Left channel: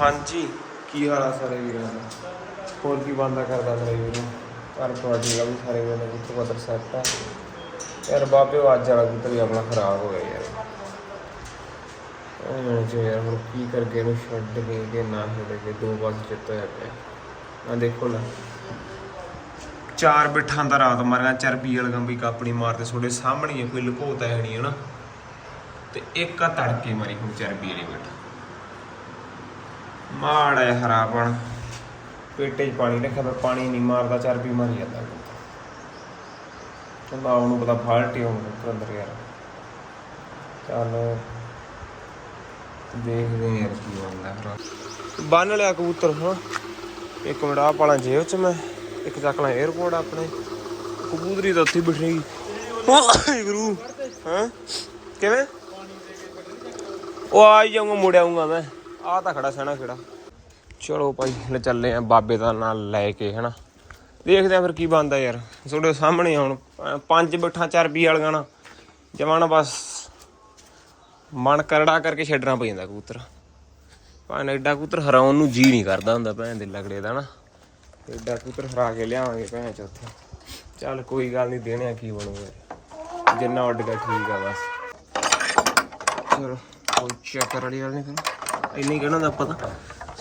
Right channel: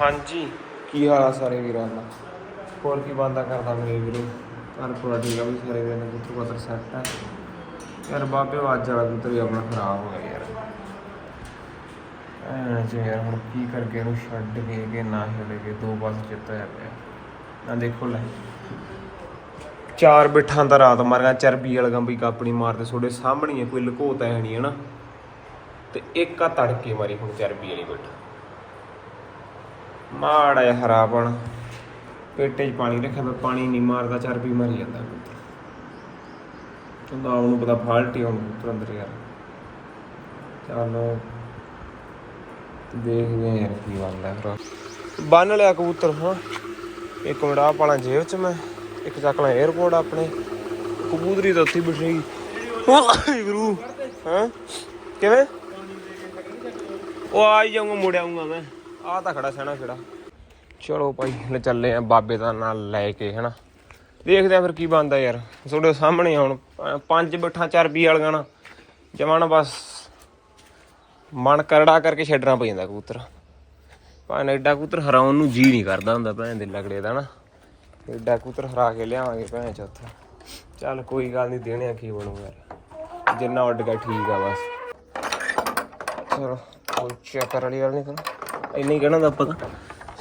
ਹਾਂਜੀ। ਕੀ ਹਾਲ ਆ ਸਾਰੇ ਵੀਰਾਂ ਦਾ? ਹੋਰ ਕੀ ਬੰਦਾ ਕਰਦਾ ਮੇਰੇ ਵੀਰੋ? ਘਰ ਪਾ ਠੀਕ ਵੀ ਸਾਰੇ ਵੀਰਾਂ ਨੇ ਕੁੱਤ ਪੱਤਰ ਸੈੱਟ ਆ। ਯਾਰ ਬਾਬੇ ਅੱਜ ਵਾਲਾ ਕੁੱਤ ਵੀ ਆਪਣਾ ਖਰਾਬ ਹੋ ਗਿਆ ਯਾਰ। ਜੇ ਯਾਰ ਹੁਣ ਕੀ ਕਰਕੇ ਇਹਨੂੰ ਛੱਡ ਕੇ ਕਿ ਨਾ ਛੱਡ ਕੇ ਦੋ ਪਾਸੇ ਚਿੱਤ ਹੋਇਆ ਪਿਆ। ਨਾ ਦੇਖੋ ਲੈ। ਚਾਰ ਬਿਠਾਂ ਦਾ ਰਾਤ ਮਾਰਿਆ ਚਰਬੀ ਵਾਲਾ ਗੰਬੀ ਕਾਪਣੀ ਮਾਰਦੇ ਤੁਹਾਡੇ ਸਾਹਮਣੇ ਕੋਈ ਲੁਕੋਤਾ ਹੈ ਨਹੀਂ ਹਨਾ। ਤੇ ਇੱਕ ਆ ਤੜਕੇ ਮਾਰੀ ਹੁਣ ਚਰਬੀ ਵਾਲੀ ਬਿਠ। ਮਾੜਾ ਜਿਹਾ ਹਰਾਪਣ ਪੇਟੇ 'ਚ ਪਾਣੀ ਰੱਖਿਆ ਪਰ ਪਾਣੀ ਨਹੀਂ ਮਾਰਦਾ ਚਰਬੀ ਮਾਰੀ ਜਾਂਦਾ। ਚੰਦਾ ਉਹਨੂੰ ਪਤਾ ਫਾਲਟੀ ਹੁਣ ਕੁੱਕਰ ਅੰਦਰ ਯਾਰ। ਚੱਲ ਦੇਖਦੇ ਹਾਂ ਕੀ ਬਣਦਾ ਫਿਰ। ਬੰਨ ਲਿਆ ਕਬੂਤਰ, ਹਾਂ। ਇੱਕ ਮਿੰਟ ਆਹ ਪਾਲਾਂ ਜੇਬ 'ਚ ਮੈਂ, ਇੱਕ ਚੱਕ ਲਾਂ 에어ਪੋਰਟ ਆਪਣੇ। ਕਬੂਤਰੀ ਤਾਂ ਉੱਥੇ ਹੀ ਬਿਠੇਗੀ ਵਾਹਿਗੁਰੂ, ਹਾਂ। ਕਿਵੇਂ? ਉਹ ਆ ਹੀ ਜਾਊਂਗਾ, ਮੁੜ ਆਊਂਗਾ ਮੈਂ। ਆ ਤਾਂ ਖੜਾ ਸਹਿਣਾ ਖੜਾ। ਚਲੋ ਭਾਈ, ਲੈ ਚੱਲੇ ਆ ਬਾਬੇ ਦਾ ਨਾਲ ਲੈ ਕੇ, ਹਨਾ। ਦੇਖਦੇ ਆ ਫਿਰ ਕੀ ਬਣਦਾ ਯਾਰ। ਤੁਹਾਡੇ ਸਾਹਮਣੇ ਹੁਣ ਪੰਜ ਬਿਠਾਂ ਚਰਬੀ ਵਾਲੀਆਂ ਨਾ। ਜਮਾਨਾ ਬਸ ਮਨ ਕਰੜਾ ਕਰਕੇ ਛੱਡਣਾ ਪੈ ਜਾਂਦਾ ਕਬੂਤਰ। ਭਾਵੇਂ ਐਡਾ ਕਬੂਤਰ ਹਰਾਉਣ ਨੂੰ ਜੀ ਨਹੀਂ ਕਰਦਾ ਹੁੰਦਾ ਭੈਣ ਦੇ ਲਗੜੇ ਦਾ ਨਾ। ਐਡਾ ਕਬੂਤਰ ਹਰਾ ਕੇ ਲਿਆਵਾਂਗੇ ਭੈਣ ਚ ਉੱਥੇ ਚੱਲ ਕੋਈ ਗੱਲ ਨਹੀਂ, ਦੇਣੇ ਆ ਕੀ ਬਣੂਗਾ। ਜਿੰਨਾ ਉੱਡ ਗਿਆ ਠੀਕ ਆ ਬਸ। ਚਲੋ, ਕੋਈ ਚੱਕਰ ਵਾਲੀ ਗੱਲ ਨਹੀਂ ਕਰੋ ਇੰਨਾ ਹੀ ਕਹਿਣਾ ਦਾ ਪਤਾ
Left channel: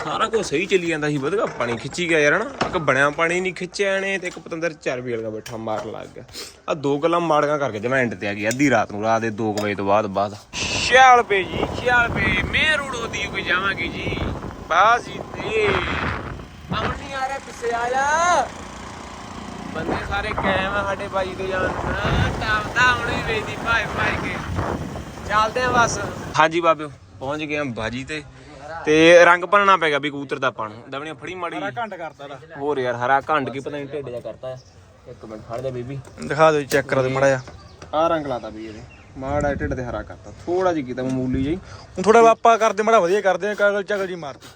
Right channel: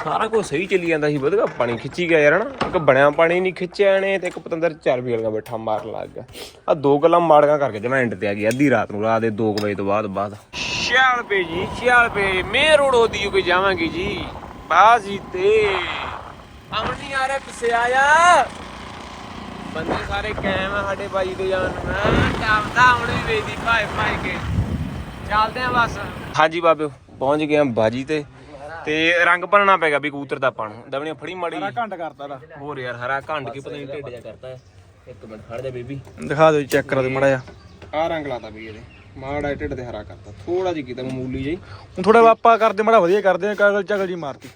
ਸਾਰਾ ਕੁਝ ਸਹੀ ਚੱਲੀ ਜਾਂਦਾ ਸੀ ਵਧਗਾ ਪਾਣੀ ਖਿੱਚੀ ਗਿਆ ਯਾਰ ਹਨਾ। ਇੱਕ ਬਣਿਆ ਪਾਣੀ ਨਹੀਂ ਖਿੱਚਿਆ ਨੇ ਤੇ ਇੱਕ ਪਤੰਦਰ ਚਰਬੀ ਵਾਲਾ ਬੈਠਾ ਮਾਰ ਲੱਗ ਗਿਆ। ਆ ਦੋ ਗੱਲਾਂ ਮਾੜੀਆਂ ਕਰਕੇ ਜਮੈਂ ਐਂਡ ਤੇ ਆ ਗਈ ਅੱਧੀ ਰਾਤ ਨੂੰ ਰਾਤ ਦੇ 2 ਵਜੇ ਤੋਂ ਬਾਅਦ ਬਾਅਦ। ਸ਼ਿਆਲ ਪੇ ਜੀ ਸ਼ਿਆਲ ਪੇ। ਮੇਰ ਉਡੋਦੀ ਹੋ ਕੇ ਜਾਵਾਂਗੇ ਜੀ। ਬਾਜ਼ੀ ਤੇ। ਅੰਗੜੀ ਆ ਰਿਹਾ ਪਿੱਛੇ ਆਇਆ ਬੰਦੇ ਸਾਰੇ ਕਾਇਮ ਆ ਸਾਡੇ ਬਾਈ ਦੇ ਜਾਨ ਟਾਉਂਦਾ ਹੁਣੀ ਵੇਦੀ ਭਾਈ ਭਾਈ ਕੇ। ਚੱਲਦੇ ਆ ਬਸ। ਹਾਂਜੀ ਬਾਬਿਓ ਪਹੁੰਚ ਗਏ ਆ ਬਾਜੀ ਤੇ। ਤੇ ਰੰਗ ਭਰਨਾ ਪੈਗਾ ਵੀ ਕਬੂਤਰ ਦਾ ਪਾਣ ਦਵਣੀਆਂ ਫੜੀ ਮਾੜੀ ਘੰਟ ਕਰਤਾ ਦਾ ਹੋਰ ਯਾਰ ਹਰਾ ਘੰਟ ਕੀ ਪਤਾ ਨਹੀਂ ਢਿੱਡ ਜਾ ਕਰਤਾ ਹੈ। ਇੱਕ ਮਿੰਟ ਖੜ ਜਾ ਬੇਬੀ। ਦਿਖਾ ਦਿਓ ਚੈੱਕ ਕਰਾ ਦਿਓ ਮੜਾ ਜਾ ਆ ਰੰਗ ਲਾਤਾ ਵੀ ਇਹਦੇ। ਮਾੜਾ ਢਿੱਡ ਤੇ ਹਰਾ ਕਰਤਾ। ਥੋੜਾ ਜਿਹਾ ਕੀਤਾ ਮਾਮੂਲੀ ਜਿਹੀ। ਹੁਣ ਥੋੜਾ ਆਪਾਂ ਕਰਦੇ ਮੜਾ ਵਧੀਆ ਕਰਦੇ ਆ ਕਾਗਲ ਚਗਲ ਜੀ ਮਾਰਤੀ।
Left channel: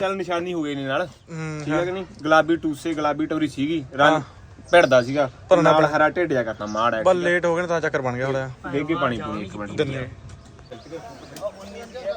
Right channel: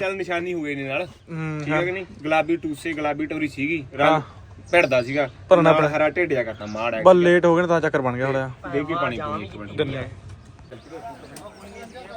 ਚੱਲ ਨਿਸ਼ਾਨੀ ਹੋ ਗਈ ਨਹੀਂ ਨਾਲ। ਹੂੰ ਠੀਕ ਹੈ ਕਿ ਨਹੀਂ? ਗੁਲਾਬੀ ਟੂਸੇ ਗੁਲਾਬੀ ਟੋਰੀ ਸੀਗੀ। ਰੰਗ ਭਿੜਦਾ ਸੀਗਾ। ਭਰਨਾ ਨਾਲ ਹਰਾ ਢਿੱਡ ਜਾ ਕਰਤਾ ਮਾੜਾ ਬਸ ਲੇਟ ਹੋ ਗਏ ਨੇ ਤਾਂ ਚੱਕਰ ਬਣ ਗਿਆ ਥੋੜਾ ਦੇ ਕੇ ਪਾਣੀ ਪੂਣੀ ਇੱਕ ਮਿੰਟ। ਦਿੰਨੇ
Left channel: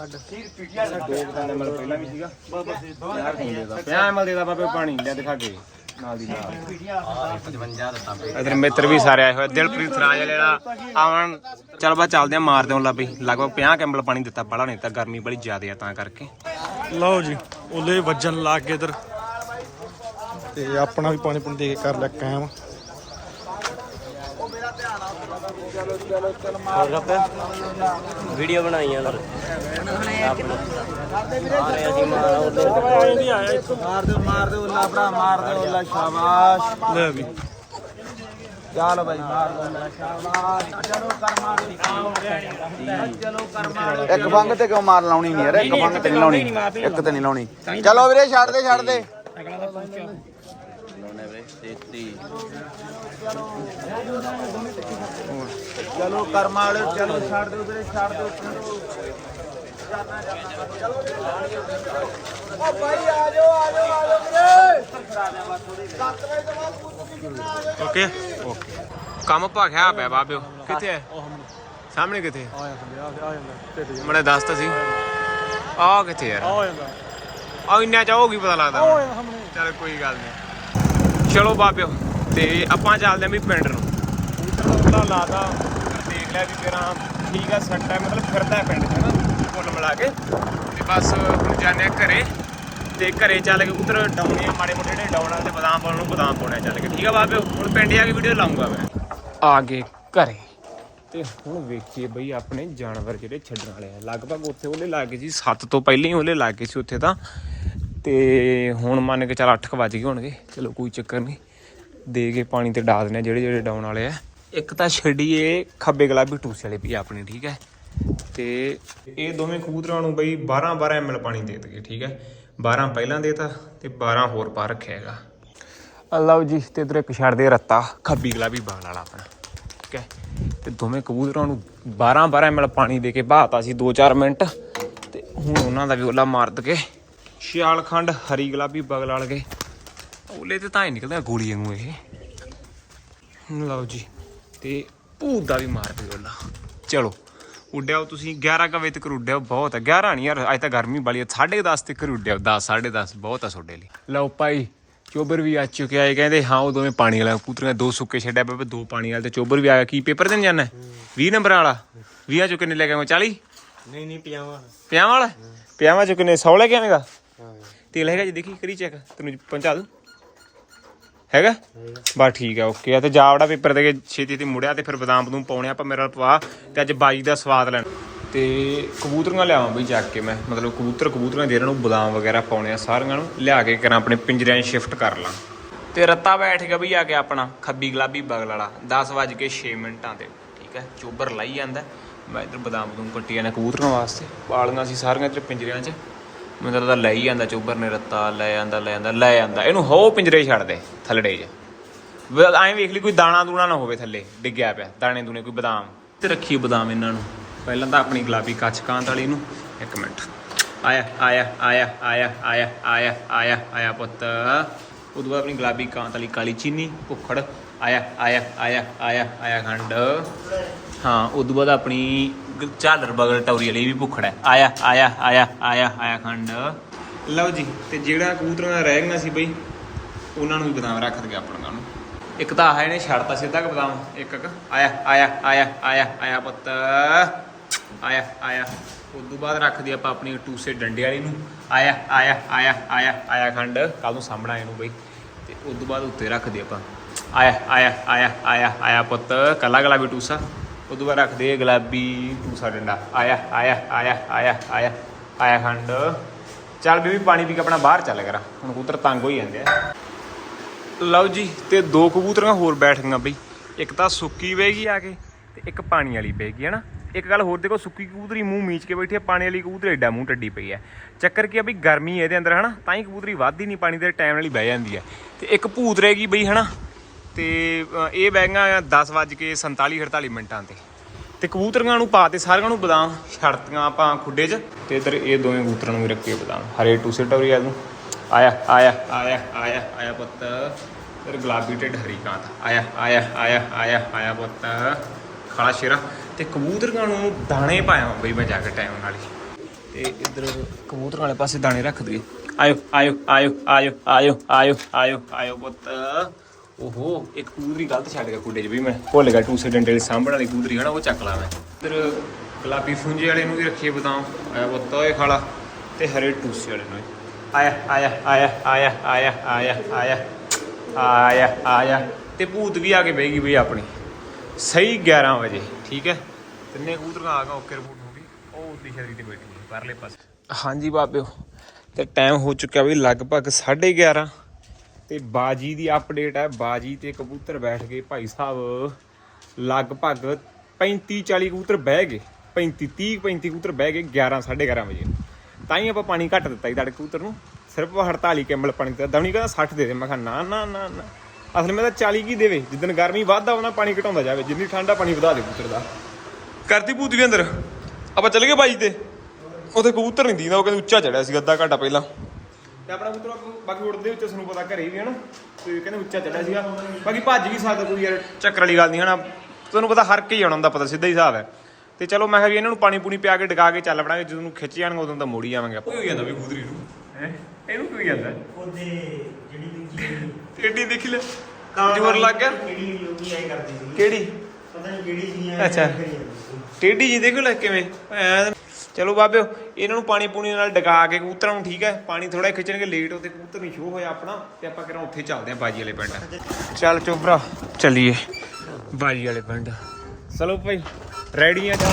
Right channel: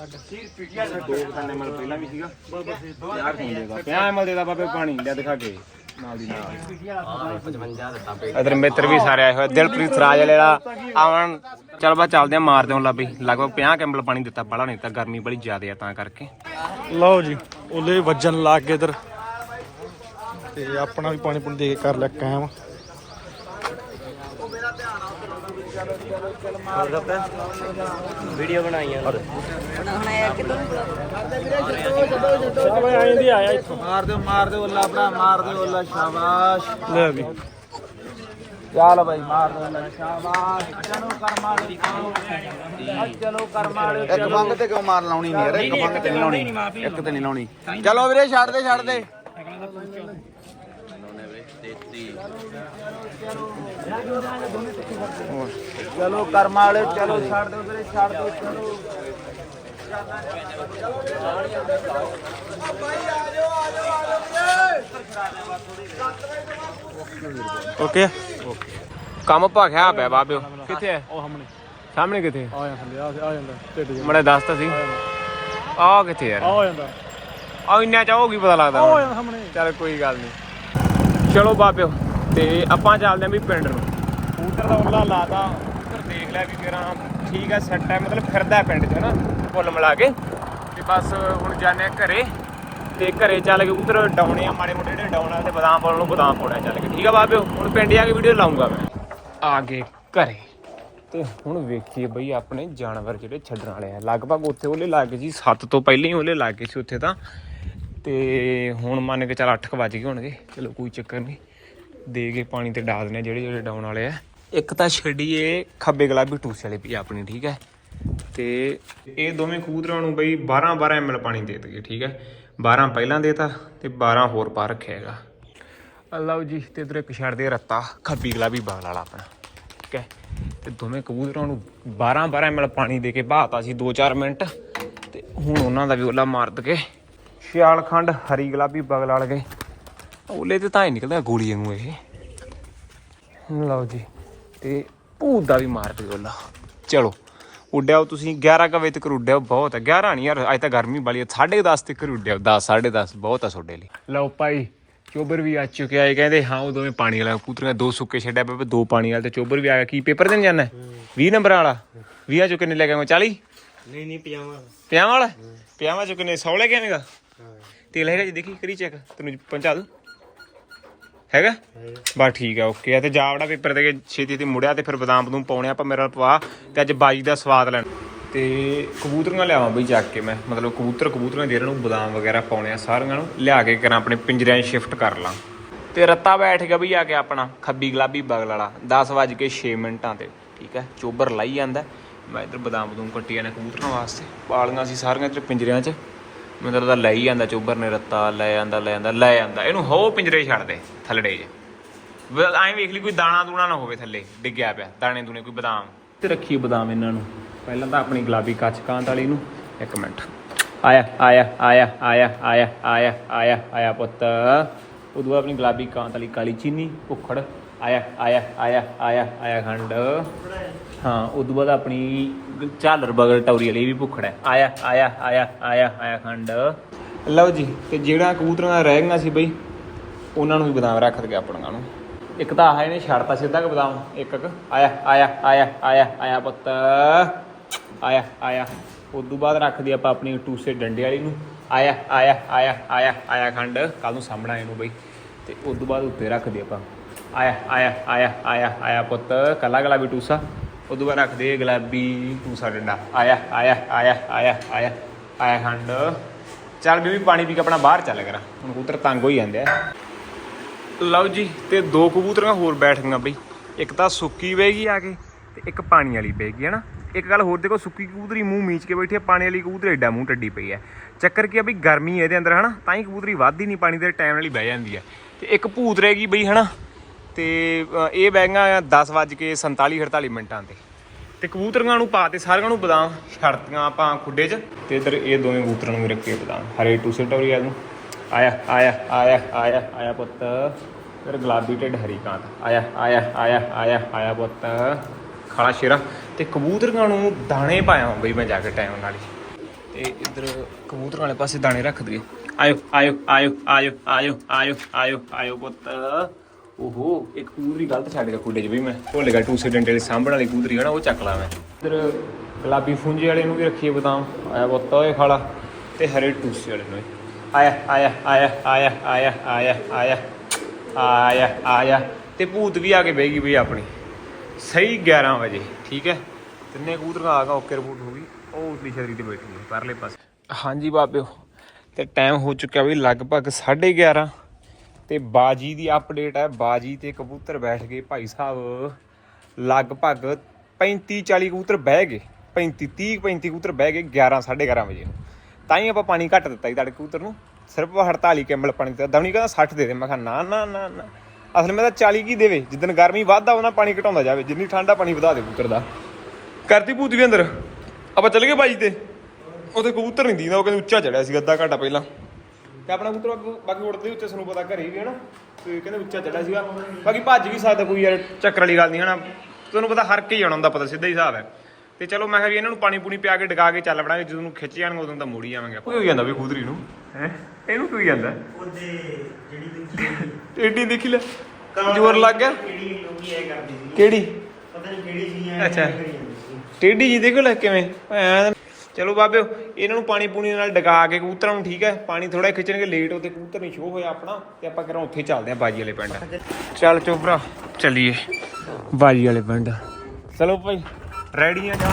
ਦੋ ਬਟਾਣੇ ਮਲ ਪਹਿਲਾਂ ਵੀ ਸੀਗਾ। ਯਾਰ ਖੂਨ ਦੇਦਾ ਪਿਆ ਮਲ ਦੇਦਾ ਬਾਬੇ ਪਾਣੀ ਲੈ ਦਿਖਾ ਕੇ। ਨਾਲ ਦੀ ਨਾਲ। 55 ਇਧਰ ਮਿੱਤਰ ਵੀ ਸਾਰੇ ਆਏ ਹੋਏ। ਦਿਲਪ੍ਰੀਤ ਰਾਜ ਵਾਲਾ ਆਵਣ ਚੱਲ ਬਾ ਚੱਲਦੇ ਆ ਮਾਰਦੇ ਹਾਂ ਲੱਭੀ। ਲਗਭਗ 50 ਕੈਂਬਲ ਪਾਣੀ ਦਿੱਤਾ ਬੜਾ ਨਹੀਂ ਤਾਂ ਗਰਮੀ ਬੜੀ ਜ਼ਿਆਦੇ ਆ ਤਾਂ ਕਰਕੇ। ਲਓ ਜੀ ਉਹਦੇ ਵੱਜਣ ਲੱਗ ਗਏ ਇਧਰ। ਤੇ ਆਪਣਾ ਵੀ ਪਾਣੀ ਪੁਣੀ ਦੇ ਕੇ ਕਰ ਲਿਆ ਕਾਇਮ। ਵੀਡੀਓ ਬਣਾਈਆਂ ਮਾਰ ਦਿਓ ਮਾਰ ਦਿਓ ਅੱਲਾ ਭਰਾ ਮਾਰ ਦਿਓ ਅੱਲਾ ਸ਼ਾਬਾਸ਼ ਲੈ ਵੀ ਚੱਲ ਬਾਈ ਮਾਰ ਇੱਕ ਬੰਗ ਤੇ ਕਿਉਂ ਮਾਰ ਲਾਉਣੀ ਨਹੀਂ ਯਾਰ ਇੱਕ ਬੰਗ ਤੇ ਨਹੀਂ। ਲਾਉਣੀ ਇੱਕ ਤੇ ਨਹੀਂ ਲਾਉਣੀ। ਚਲੋ ਵੀਰੇ ਛੱਡ ਦੇ ਛੱਡ ਦੇ। ਚਲੋ ਕਰਮਾ ਵਾਲੇ ਚਲੋ ਛੱਡ ਦਿਓ ਛੱਡ ਦਿਓ ਚਲੋ। ਓਕੇ ਕੰਮ ਭਾਖਿਆ ਪਿਆ ਬਾਬਿਓ। ਕਿੱਥੇ ਹੈ? ਸਾਹਮਣੇ ਕਿੱਥੇ? ਆ ਜਾਂਦਾ ਆ ਜਾਂਦਾ ਮੜੇ ਦੱਸ ਤਾਂ ਸੀ ਆ ਕਿੱਥੇ ਯਾਰ? ਆ ਜਾਂਦਾ। ਆ ਇੰਨਾ ਚ ਹੋਗੀ ਪਤਾ ਲੱਗਦਾ ਹੁਣ। ਚੱਲ ਕੋਈ ਗੱਲ ਨਹੀਂ ਚਲੋ ਬਾਬਿਓ ਤੇ ਆਪਾਂ ਚੱਲਦੇ ਆਂ ਵੀ ਪਿੰਡ ਨੂੰ। ਕਬੂਤਰ ਦਾ ਉੱਲਾ ਲਾਦਾ ਕਬੂਤਰ ਦੇਖ ਲਿਆ ਵੀ ਤੇਰਾ ਠੀਕ ਆ ਸੈੱਟ ਹੈ ਮਤਲਬ ਫਿਰਦਾ ਪਿੰਡ 'ਚ ਹਨਾ? ਕੁੱਲ ਮਿਲਾ ਕੇ। ਤੇ ਬਸ ਹੁਣ ਜਾਂਦੇ ਆ ਘਰੇ। ਤੇ ਘਰੇ ਚੱਲ ਕੇ ਕਬੂਤਰ ਡਾਉਣੇ ਆ ਮਾੜੇ ਮੋਟੇ ਜਿਹੜੇ ਡਾਉਣਾ ਵਾਲੇ ਤੇ ਬਦਾਮ ਪਾਉਣ ਨੂੰ ਬਦਾਮ ਪਾਉਣਾ ਚੱਲ ਕੇ। ਠੀਕ ਆ ਬਾਬਿਓ ਹੁਣ ਪਿੰਡ ਆ ਕੇ ਵੀਡੀਓ ਲਾਉਂਗਾ ਮੈਂ। ਆ ਗਏ ਘਰੇ। ਤੇ ਹੁਣ ਵੇਖੀਏ ਬਈ ਆਪਣੇ ਜਾਨਵਰ ਜਿਹੜੇ ਛੱਡਣ ਵਾਲੇ ਆ। ਲਗਭਗ ਉੱਥੇ ਉਹਲੇ ਲੱਗ ਜੀ 7 ਤੋਂ ਪਹਿਲਾਂ ਹੀ ਉਹਲੇ ਲੱਗ ਗਏ ਸੀ ਉੱਥੇ ਤਾਂ। ਤੇ ਹੁਣ ਮੰਨ ਕੇ ਚੱਲ 8 ਵਜ ਗਏ ਹੋਣਗੇ। ਚਲੋ ਕੋਈ ਚੱਕਰ ਨਹੀਂ। ਦੇ ਕੇ ਪਾਣੀ ਤੇ ਡਾ ਦਿੰਦੇ ਜਿਹੜੇ ਜਿਹੜੇ ਡਾਉਣ ਵਾਲੇ ਆ। ਇੱਕ ਤਾਂ ਛੱਡੀਏ ਖੱਬੇ ਗੁਲਾਬੀ ਟੂਸੇ ਵਾਲੇ ਵੀ ਆਪਣੀ, ਠੀਕ ਹੈ। ਤੇ ਇਹ ਦੋਵੇਂ ਕਬੂਤਰਾਂ ਨੂੰ ਬਈ 12 12 ਐਮਐਲ ਪਾਣੀ ਦੇ ਦਗੇ ਠੀਕ ਹੈ? 12 ਪਹਿਲਾਂ ਦੇਤਾ ਤੇ 12 ਹੋਰ ਪਾ ਰੱਖਿਆ ਹੈਗਾ। ਲਓ ਜੀ, ਤੇ ਇਧਰ ਇੱਕ ਛੱਡਦੇ ਰੱਤਾ ਖੱਬੀ ਗਲਾਬੀ ਬਾਲ ਵਾਲਾ ਆਪਣਾ, ਠੀਕ ਹੈ? ਤੇ ਦੋਵੇਂ ਕਬੂਤਰਾਂ ਨੂੰ 12 12 ml ਪਾਣੀ ਦੇ ਕੇ ਬਹਾਤਾ ਸੀ 2-4 ਮਿੰਟ, ਤੇ ਹੁਣ ਉਹਨਾਂ ਦਾ ਵੀ ਉਹਲਾ ਮਾਰ ਦਕੇ ਛਿਆਲ ਖੰਡ ਹਰੀ ਗੁਲਾਬੀ ਬਗਲ ਵਾਲ ਗਏ। ਉਹਲੇ ਤੇ ਤਾਂ ਹੀ ਨਿਕਲਦਾ ਗੋਲੀ ਵਾਂਗੂ ਇਹ। ਲਓ ਜੀ, ਤੇ ਭੂਤ ਦਾ ਵੀ ਮਾਰ ਦੇ ਉਹਲਾ ਚਲੋ ਉੱਡਿਆਓ ਤੁਸੀਂ 11 ਕੁ ਵਜੇ ਤੱਕ ਉੱਡਿਆਓ ਬਹੁਤ ਹੈ। 11 ਨਹੀਂ ਯਾਰ ਅੱਜ ਤਾਂ ਗਰਮੀ ਬੜੀ ਹੈ। 10:30 ਤੱਕ ਉੱਡਿਆਓ 10 10:30 ਬਹੁਤ ਆ ਤੁਹਾਡੇ ਲਈ। ਲਓ ਭਾਈ ਚੋਬਰ ਵੀ ਆ ਚੁੱਕਿਆ ਹੈ। ਕਹਿੰਦੇ ਹਾਂ ਉਹ ਦੋਵੇਂ ਪਾਣੀ ਵਾਲਾ ਕੂਤਰੀਆਂ ਦੋ ਸੁੱਕੇ ਛੱਡਿਆ ਪਏ ਦੋ ਪਾਣੀ ਵਾਲੇ ਤੇ ਚੋਬਰ ਵੀ ਆ ਗਿਆ। ਕੀ ਪੇਪਰ ਦੇਣ ਜਾਣਾ 20 ਨੰਬਰ ਵਾਲਾ। 20 ਚੋਂ ਕਿੰਨੇ ਲੈ ਕੇ ਆਵਾਂ 40 ਨਹੀਂ ਨਹੀਂ ਪਜਾਮਾ ਪਿਆਵਾਂ ਵਾਲਾ? ਪਿਆਵਾਂ ਚੋਂ ਕਿੰਨੇ 100 ਲੈ ਕੇ ਆਵੇਂਗਾ? ਤੇਲ ਹੈਗਾ ਜੀ ਦੇਖੀ ਕਰੀ ਚੈੱਕ ਤੈਨੂੰ ਪਹੁੰਚਾ ਦੂੰ। ਹੈਗਾ? ਬਸ ਠੀਕ ਆ ਓਕੇ ਆ। ਤੇ ਜਾਵੜਾ ਪੇਪਰ ਦੇ ਕੇ ਛੇਤੀ ਤੇ ਮੁੜਿਆ ਤੇ ਫਿਰ ਬਦਾਮ ਬਦੂਮ ਪਾਉਣੇ ਆਪਾਂ ਮੇਰੇ ਨਾਲ ਪਵਾ ਤੇ ਅੱਜ ਬਾਜੀ ਦਾ ਸਵਾਦ ਲੈਣ। ਤੇ ਕਬੂਤਰੀਆਂ ਲਿਆਵਾਂ ਬਈ ਚੱਕ ਕੇ ਮੈਂ। ਮਤਲਬ ਕਬੂਤਰ ਕਬੂਤਰੀਆਂ ਦੇ ਇਹਨਾਂ ਨੂੰ ਬਦਾਮ ਵਗੈਰਾ ਪਾਉਣੇ ਆ ਸਾਰੀਆਂ ਨੂੰ। ਲਿਆ ਕੇ ਕਰਾਂ ਆਪਣੇ ਪਿੰਜਰਿਆਂ 'ਚ ਸ਼ਿਫਟ ਕਰ ਲਾਂ। ਤੇ ਰੱਤਾ ਬੈਠ ਗਿਆ ਬਈ ਆ ਕੇ ਆਪਣਾ ਖੱਬੀ ਗੁਲਾਬੀ ਬਗਲ ਵਾਲਾ। 10 ਵੱਜ ਕੇ 6 ਮਿੰਟਾਂ ਤੇ ਠੀਕ ਹੈ ਚੋਬਰ ਲਾਈ ਜਾਂਦਾ। ਮੈਂ ਇਧਰ ਬਦਾਮ ਬਦੂਮ ਕੱਟੀ ਜਾਂਦਾ ਕਬੂਤਰਾਂ ਵਾਸਤੇ। ਪਾਲੀਆਂ ਸੀ ਸਾਰੀਆਂ ਇੱਧਰ ਪਿੰਜਰਿਆਂ 'ਚ। ਮੈਨੂੰ ਤਾਂ ਲੈ ਹੀ ਜਾਂਦਾ ਚੋਬਰ ਨੇ ਰੱਤਾ, ਲੈ ਜਾਂਦਾ ਲੈ ਜਾਂਦਾ ਲੈ ਜਾਂਦਾ ਇਹਨੂੰ ਹੋ ਪਿੰਜਰੇ ਛੱਡ ਦੇ, ਥੱਲੜੇ 'ਚ ਐਂ ਵੇਖ ਲਈ ਕੋਈ ਦਾਣਾ ਦੂਣਾ ਨਾ ਹੋਵੇ ਥੱਲੇ, ਡਿੱਗਿਆ ਪਿਆ, ਦਾਣੇ ਦੂਣੇ, ਕੋਈ ਬਦਾਮ। ਤੇ ਰੱਖੀ ਬਦਾਮ ਇਹਨਾਂ ਨੂੰ। ਪਹਿਲਾਂ ਤਾਂ ਆਪਣੀ ਗੁਲਾਬੀ ਕੱਚ ਕਾਂਤ ਵਾਲੀ ਨੂੰ। ਇੱਕ ਮਿੰਟ। ਆਇਆ ਆਇਆ ਆਇਆ ਆਇਆ ਆਇਆ ਆਇਆ ਆਇਆ ਆਇਆ ਪੁੱਤ। ਉਦੋਂ ਬਾਅਦ ਆਪਣੀ ਗੁਲਾਬੀ ਕਾਂਤ ਵਾਲੀ ਕਾਲੀ ਚੀਨੀ, ਭੁੱਖੜ। ਆਇਆ ਆਇਆ ਆਇਆ ਆਇਆ ਆਇਆ ਖੰਡ। ਹਾਂ ਉਦੋਂ ਬਾਅਦ ਆਪਣੀ ਝਾਲਰ ਬਗਲ ਟੌਰੀ ਵਾਲੀ ਵੀ ਭੁੱਖੜ ਹੈ ਆਇਆ ਆਇਆ ਆਇਆ ਆਇਆ ਆਇਆ ਖੰਡ ਲਓ ਜੀ ਤੇ ਜਿਹੜਾ ਕਬੂਤਰਾਂ ਰਹਿ ਗਈਆਂ ਸੀ ਬਈ ਉਹਨਾਂ ਨੂੰ ਵੀ ਬਦਾਮ ਰੱਖ ਦਗੇ ਆਪਣਾਂ ਨੂੰ ਇੱਕ ਤਾਂ ਆਹ ਇਹਨੇ ਛੱਡਤਾ ਸਿੱਧਾ ਕਿ ਬਦਾਮ ਇੱਕ ਇੱਕ ਆਇਆ ਆਇਆ ਆਇਆ ਆਇਆ ਆਇਆ ਪੁੱਤ ਆਇਆ ਆਇਆ ਉਦੋਂ ਬਾਅਦ ਰੱਖਦੀ ਆਪਾਂ ਆਪਣੀ ਟੂਸੇ ਡੰਡੇ ਵਾਲੀ ਨੂੰ ਆਇਆ ਆਇਆ ਆਇਆ ਆਇਆ ਆਇਆ ਖੰਡ ਕੱਲ ਨੂੰ ਸਾਹਮਣਾ ਇਹਨੂੰ ਬਈ ਤੇ ਉਦੋਂ ਬਾਅਦ ਉੱਤੇ ਰੱਖਦੀ ਆਪਾਂ ਆਇਆ ਆਇਆ ਆਇਆ ਆਇਆ ਆਇਆ ਪੁੱਤ ਕੱਲਾ ਗਲਾ ਵੀ ਟੂਸਾ ਉਦੋਂ ਬਾਅਦ ਰੱਖਦੇ ਗੁਲਾਬੀ ਟੂਸਾ ਡੰਡਾ। ਆਇਆ ਆਇਆ ਆਇਆ ਆਇਆ ਆਇਆ ਆਇਆ ਖੰਡ। ਚੱਲ ਬੀਬੀ, ਪਾਣੀ ਪੀ ਕੇ ਆਪਣਾ ਬਾਹਰ ਚੱਲ ਕਰਾਂ। ਹੁਣ ਕਬੂਤਰ ਤੰਗ ਹੋਈ ਜਾਂਦੇ ਆ। ਲਓ ਜੀ, ਤੇ ਦੋ ਕਬੂਤਰਾਂ ਹੋਰ ਬੈਠ ਗਈਆਂ ਬਈ। ਇੱਕ ਤਾਂ ਸੁੱਕੀ ਬੈਗੀ ਆ ਕੇ, ਤੇ ਇੱਕ ਪਾਣੀ ਵਾਲੀ ਪਏਗੀ ਹੈ ਨਾ? ਇੱਕ ਗੱਲ ਹੋਰ ਦੇਖੋ, ਸੁੱਕੀ ਕਬੂਤਰੀ ਮੂੰਹ ਮੀਚ ਕੇ ਬੈਠੀ ਹੈ ਪਾਣੀ ਵਾਲੀ ਕਬੂਤਰੀ ਐਡਾ ਮੂੰਹ ਟੱਡੀ ਪਈ ਹੈ ਚੱਕਰ ਕੀ ਆ ਬਈ, ਗਰਮੀ ਹੈ ਇਹਦੇ ਅੰਦਰ ਹਨਾ ਤਾਂ ਹੀ ਕਬੂਤਰੀ ਵੱਧ ਹੀ ਨਹੀਂ, ਪਾਣੀ ਦੇ ਟਾਈਮ ਨਾਲ ਹੀ ਬਹਿ ਜਾਂਦੀ ਹੈ ਤੇ ਇੱਕ ਭੂਤ ਰਹਿ ਗਈ ਬਈ ਹਨਾ ਤੇ ਅ, ਇਹ ਬੈਗਾਂ 10 ਵੱਜ ਕੇ 47 48 ਮਿੰਟਾਂ ਤੇ। ਤੇ ਕਬੂਤਰਾਂ ਨੂੰ ਪਾਤੇ ਸਾਰਿਆਂ ਨੂੰ ਬਦਾਮ ਛੜਤੀਆਂ ਆਪਾਂ ਖੁੱਡੇ 'ਚ ਤੇ ਇਧਰ ਇਹ ਦੋਵੇਂ ਕਬੂਤਰਾਂ ਨੂੰ ਵੀ ਰੱਖੇ ਬਦਾਮ। ਹਰੇ ਟੂਸੇ ਟੌਰੀ ਆ ਨੂੰ ਆਇਆ ਆਇਆ ਆਇਆ ਆਇਆ ਆਇਆ ਪੁੱਤ। ਫਿਰ ਗੁਲਾਬੀ ਢਿੱਡ ਹਰੀ ਕਾਂਤ। ਆਇਆ ਆਇਆ ਆਇਆ ਆਇਆ ਆਇਆ ਪੁੱਤ। ਖਾਲਾ ਸ਼ੇਰਾ। ਤੇ ਕਬੂਤਰੀਆਂ ਨੂੰ ਦਾਣੇ ਪਾਇਆ ਬਈ ਮੈਂ ਜਾ ਕੇ ਟਾਈਮ ਨਾਲ ਹੀ। ਤੇ ਇਧਰ ਕਬੂਤਰਾਂ ਵਾਲੇ ਪਾਸੇ ਦਾਣੇ ਰੱਖ ਦਈਏ। ਆਇਓ ਆਇਓ ਆਇਓ ਆਇਓ ਆਇਓ ਆਇਓ ਆਇਓ ਆਇਓ ਪੁੱਤ। ਓਹੋ ਇੱਕ ਕਬੂਤਰੀ ਗਲਤ ਛੱਡ ਗਿਆ ਖੁੱਡੇ 'ਚ ਵੀ ਮੈਂ। ਭੁੱਲ ਗਿਆ ਟੂਸੇ ਡੰਡੇ ਦੇ ਸਾਂਭਣ ਵਾਲੀ ਕਬੂਤਰੀ ਹੈ ਨਾ ਉਹ ਚੱਕ ਲਾ ਮੈਂ। ਇਧਰ ਗੁਲਾਬੀ ਫੁੰਜੇ ਵਾਲੇ ਨੂੰ ਵੀ ਰੱਖੀਏ ਬਦਾਮ। ਆਇਆ ਪੁੱਤ ਓਏ ਖਾਲਾ। ਤੇ ਹਰੇ ਟੂਸੇ ਵਾਲੇ ਨੂੰ। ਆਇਆ ਆਇਆ ਆਇਆ ਆਇਆ ਆਇਆ ਆਇਆ ਆਇਆ ਆਇਆ ਆਇਆ। ਤੇ ਭੂਤ ਵੀ ਆ ਕੇ ਬਹਿ ਗਈ ਬਈ ਆਪਣੀ। ਸਹੀ 11 ਵਜੇ ਠੀਕ ਹੈ? ਤਿੰਨੇ ਕਬੂਤਰਾਂ ਆ ਗਾ ਓਕੇ ਰਿਪੋਰਟ ਹੋ ਗਈ ਉਹ ਉਤਲੀ ਛਤਰੀ ਤੇ ਬੈਠੀ ਹੈ ਪਰਲੇ ਪਾਸੇ। ਹਾਂਜੀ ਬਾਬਿਓ ਤੇ ਟਾਈਮ ਹੋ ਚੁੱਕਿਆ ਵੀ ਲਗਭਗ 11:30 ਤੇ ਬਾਜੀ ਦੀ ਅਪਡੇਟ ਹੈ। ਬਾਜੀ ਤੇ ਕਬੂਤਰ ਬੈਠ ਗਏ ਭਾਈ ਸਾਹਿਬ। ਲਗਭਗ 35 40 ਕਬੂਤਰ ਬਹਿ ਗਏ। 35 30 35 ਕਬੂਤਰ ਬਹਿ ਗਏ 11 11:30 ਵਜੇ ਤਾਂ ਹੀ ਆਪਾਂ ਪਾਣੀ ਘੱਟ ਦਿੱਤਾ ਜੀ ਤੁਹਾਡੇ ਕਬੂਤਰ ਨੂੰ। ਸਿਰਫ 48 ਕੈਂਬਲ ਪਾਣੀ ਦਿੱਤਾ। ਦਵਣੀ ਕਹਿੰਦਾ 60 ਦੇ ਦੇ। ਮੈਂ ਕਿਹਾ, ਨਾ ਨਾ ਨਾ ਨਾ। ਅਸਲ ਮੈਂ ਤਾਂ 40 ਕੀ ਦੇਵੇ? ਜਿੱਦਨ ਗਰਮੀ ਵੱਧਦਾ, ਉਹਨਾਂ ਪਾਣੀ ਘਟਾਉਂਦਾ ਜਾਵੇ। ਜਿੰਨੀ ਠੰਡਾ ਪਾਣੀ ਵਧਾ ਦੇ ਕਬੂਤਰ ਦਾ। ਕਰਤੀ ਭੂਤ ਵੀ ਅੰਦਰ। ਆਪਾਂ ਚੱਲ ਗਏ ਬਾਜੀ ਤੇ। ਉੱਥੇ ਕਬੂਤਰ ਨਹੀਂ ਦੀਦਾ ਉਹ ਕਹਿੰਦੇ ਉੱਚਾ ਚੜਿਆ ਸੀ, ਅੱਧਾ ਘੰਟਾ ਪਹਿਲਾਂ। ਤੇ ਆਪਣਾ ਕਬੂਤਰ ਅੱਗੋਂ- ਬਾਕੀ ਉੜਦੇ ਉੱਤੇ ਸਾਨੂੰ ਪਤਾ ਘਰੇ ਵੀ ਹੈ ਨਾ ਤੇ ਕਹਿੰਦੇ ਉੱਚਾ ਚੜਿਆ ਸੀਗਾ। ਬਾਕੀ ਭੱਜ ਵੀ ਸਕਦਾ ਕੋਈ ਯਾਰ ਚੱਕਰ ਵਾਲੀ ਗੱਲ ਨਹੀਂ ਹਨਾ। ਤੁਹਾਨੂੰ ਪਤਾ ਹਰ ਕੇ ਹੀ ਆਉਣਾ ਹੁੰਦਾ ਪਤਾ ਸਿੱਧਾ ਹੀ ਹਿਸਾਬ ਹੈ। ਤੇ ਚਲੋ ਮੈਂ ਕਿਹਾ ਵੀ ਇਹਨਾਂ ਨੂੰ ਪਾਣੀ ਪੂਣੀ ਪਿਆ ਕੇ ਡਕਾ ਕੇ ਚੱਲ ਪੜਾਂਗੇ ਜਦੋਂ ਨੂੰ ਖਿੱਚ ਜਾਣਗੇ ਉਦੋਂ ਤਾਂ ਮੋੜੀ ਆਵਾਂਗੇ ਆਪਾਂ। ਕੋਈ ਹੋ ਜਾਂਦਾ ਵੀ ਕਬੂਤਰੀ ਨੂੰ। ਹੈ? ਇਹਨੂੰ ਕੀ ਹੋ ਜਾਂਦਾ? ਉਹਦੇ ਜਿਹੜੀ ਦੇਖੀ ਏਡੀ ਦੇਖੀ ਲੈ। ਜ਼ੋਰ ਲੱਗ ਗਿਆ। ਕਿਹੜੀ ਪਤਾ ਨਹੀਂ ਕਿਹੜੀ ਸੀ ਐ ਅੱਛਾ। ਟੇਢੀ ਜੀ ਦੇਖੋ ਲੈ ਕਿਵੇਂ। ਐਂ ਚਲੋ ਬਾਬਿਓ ਇਹਨਾਂ ਨੂੰ ਪਾਣੀ ਪੂਣੀ ਨਾਲ ਡਗਾ ਕੇ ਕਬੂਤਰਾਂ ਨੂੰ ਠੀਕ ਹੈ, ਪਾਣੀ ਥੋੜਾ ਖਿੱਚਣਗੇ ਲੇਟ ਉਹਤੇ ਕਬੂਤਰ ਨਹੀਂ ਸ਼ੋ ਹੋਇਆ ਆਪਣਾ, ਤੇ ਆਪਾਂ ਕਰਾਂ ਉੱਥੇ ਚੱਲਦੇ ਆਂ ਬਾਜੀ ਵਾਲੇ ਪਿੰਡ। ਚੱਲ ਚੋਬਰਾ ਚੱਲੀਏ ਬਾਜੀ ਵਾਲੇ ਪਿੰਡ। ਚਲੋ ਭਾਈ ਰੈਡੀ ਆ ਤਾਂ।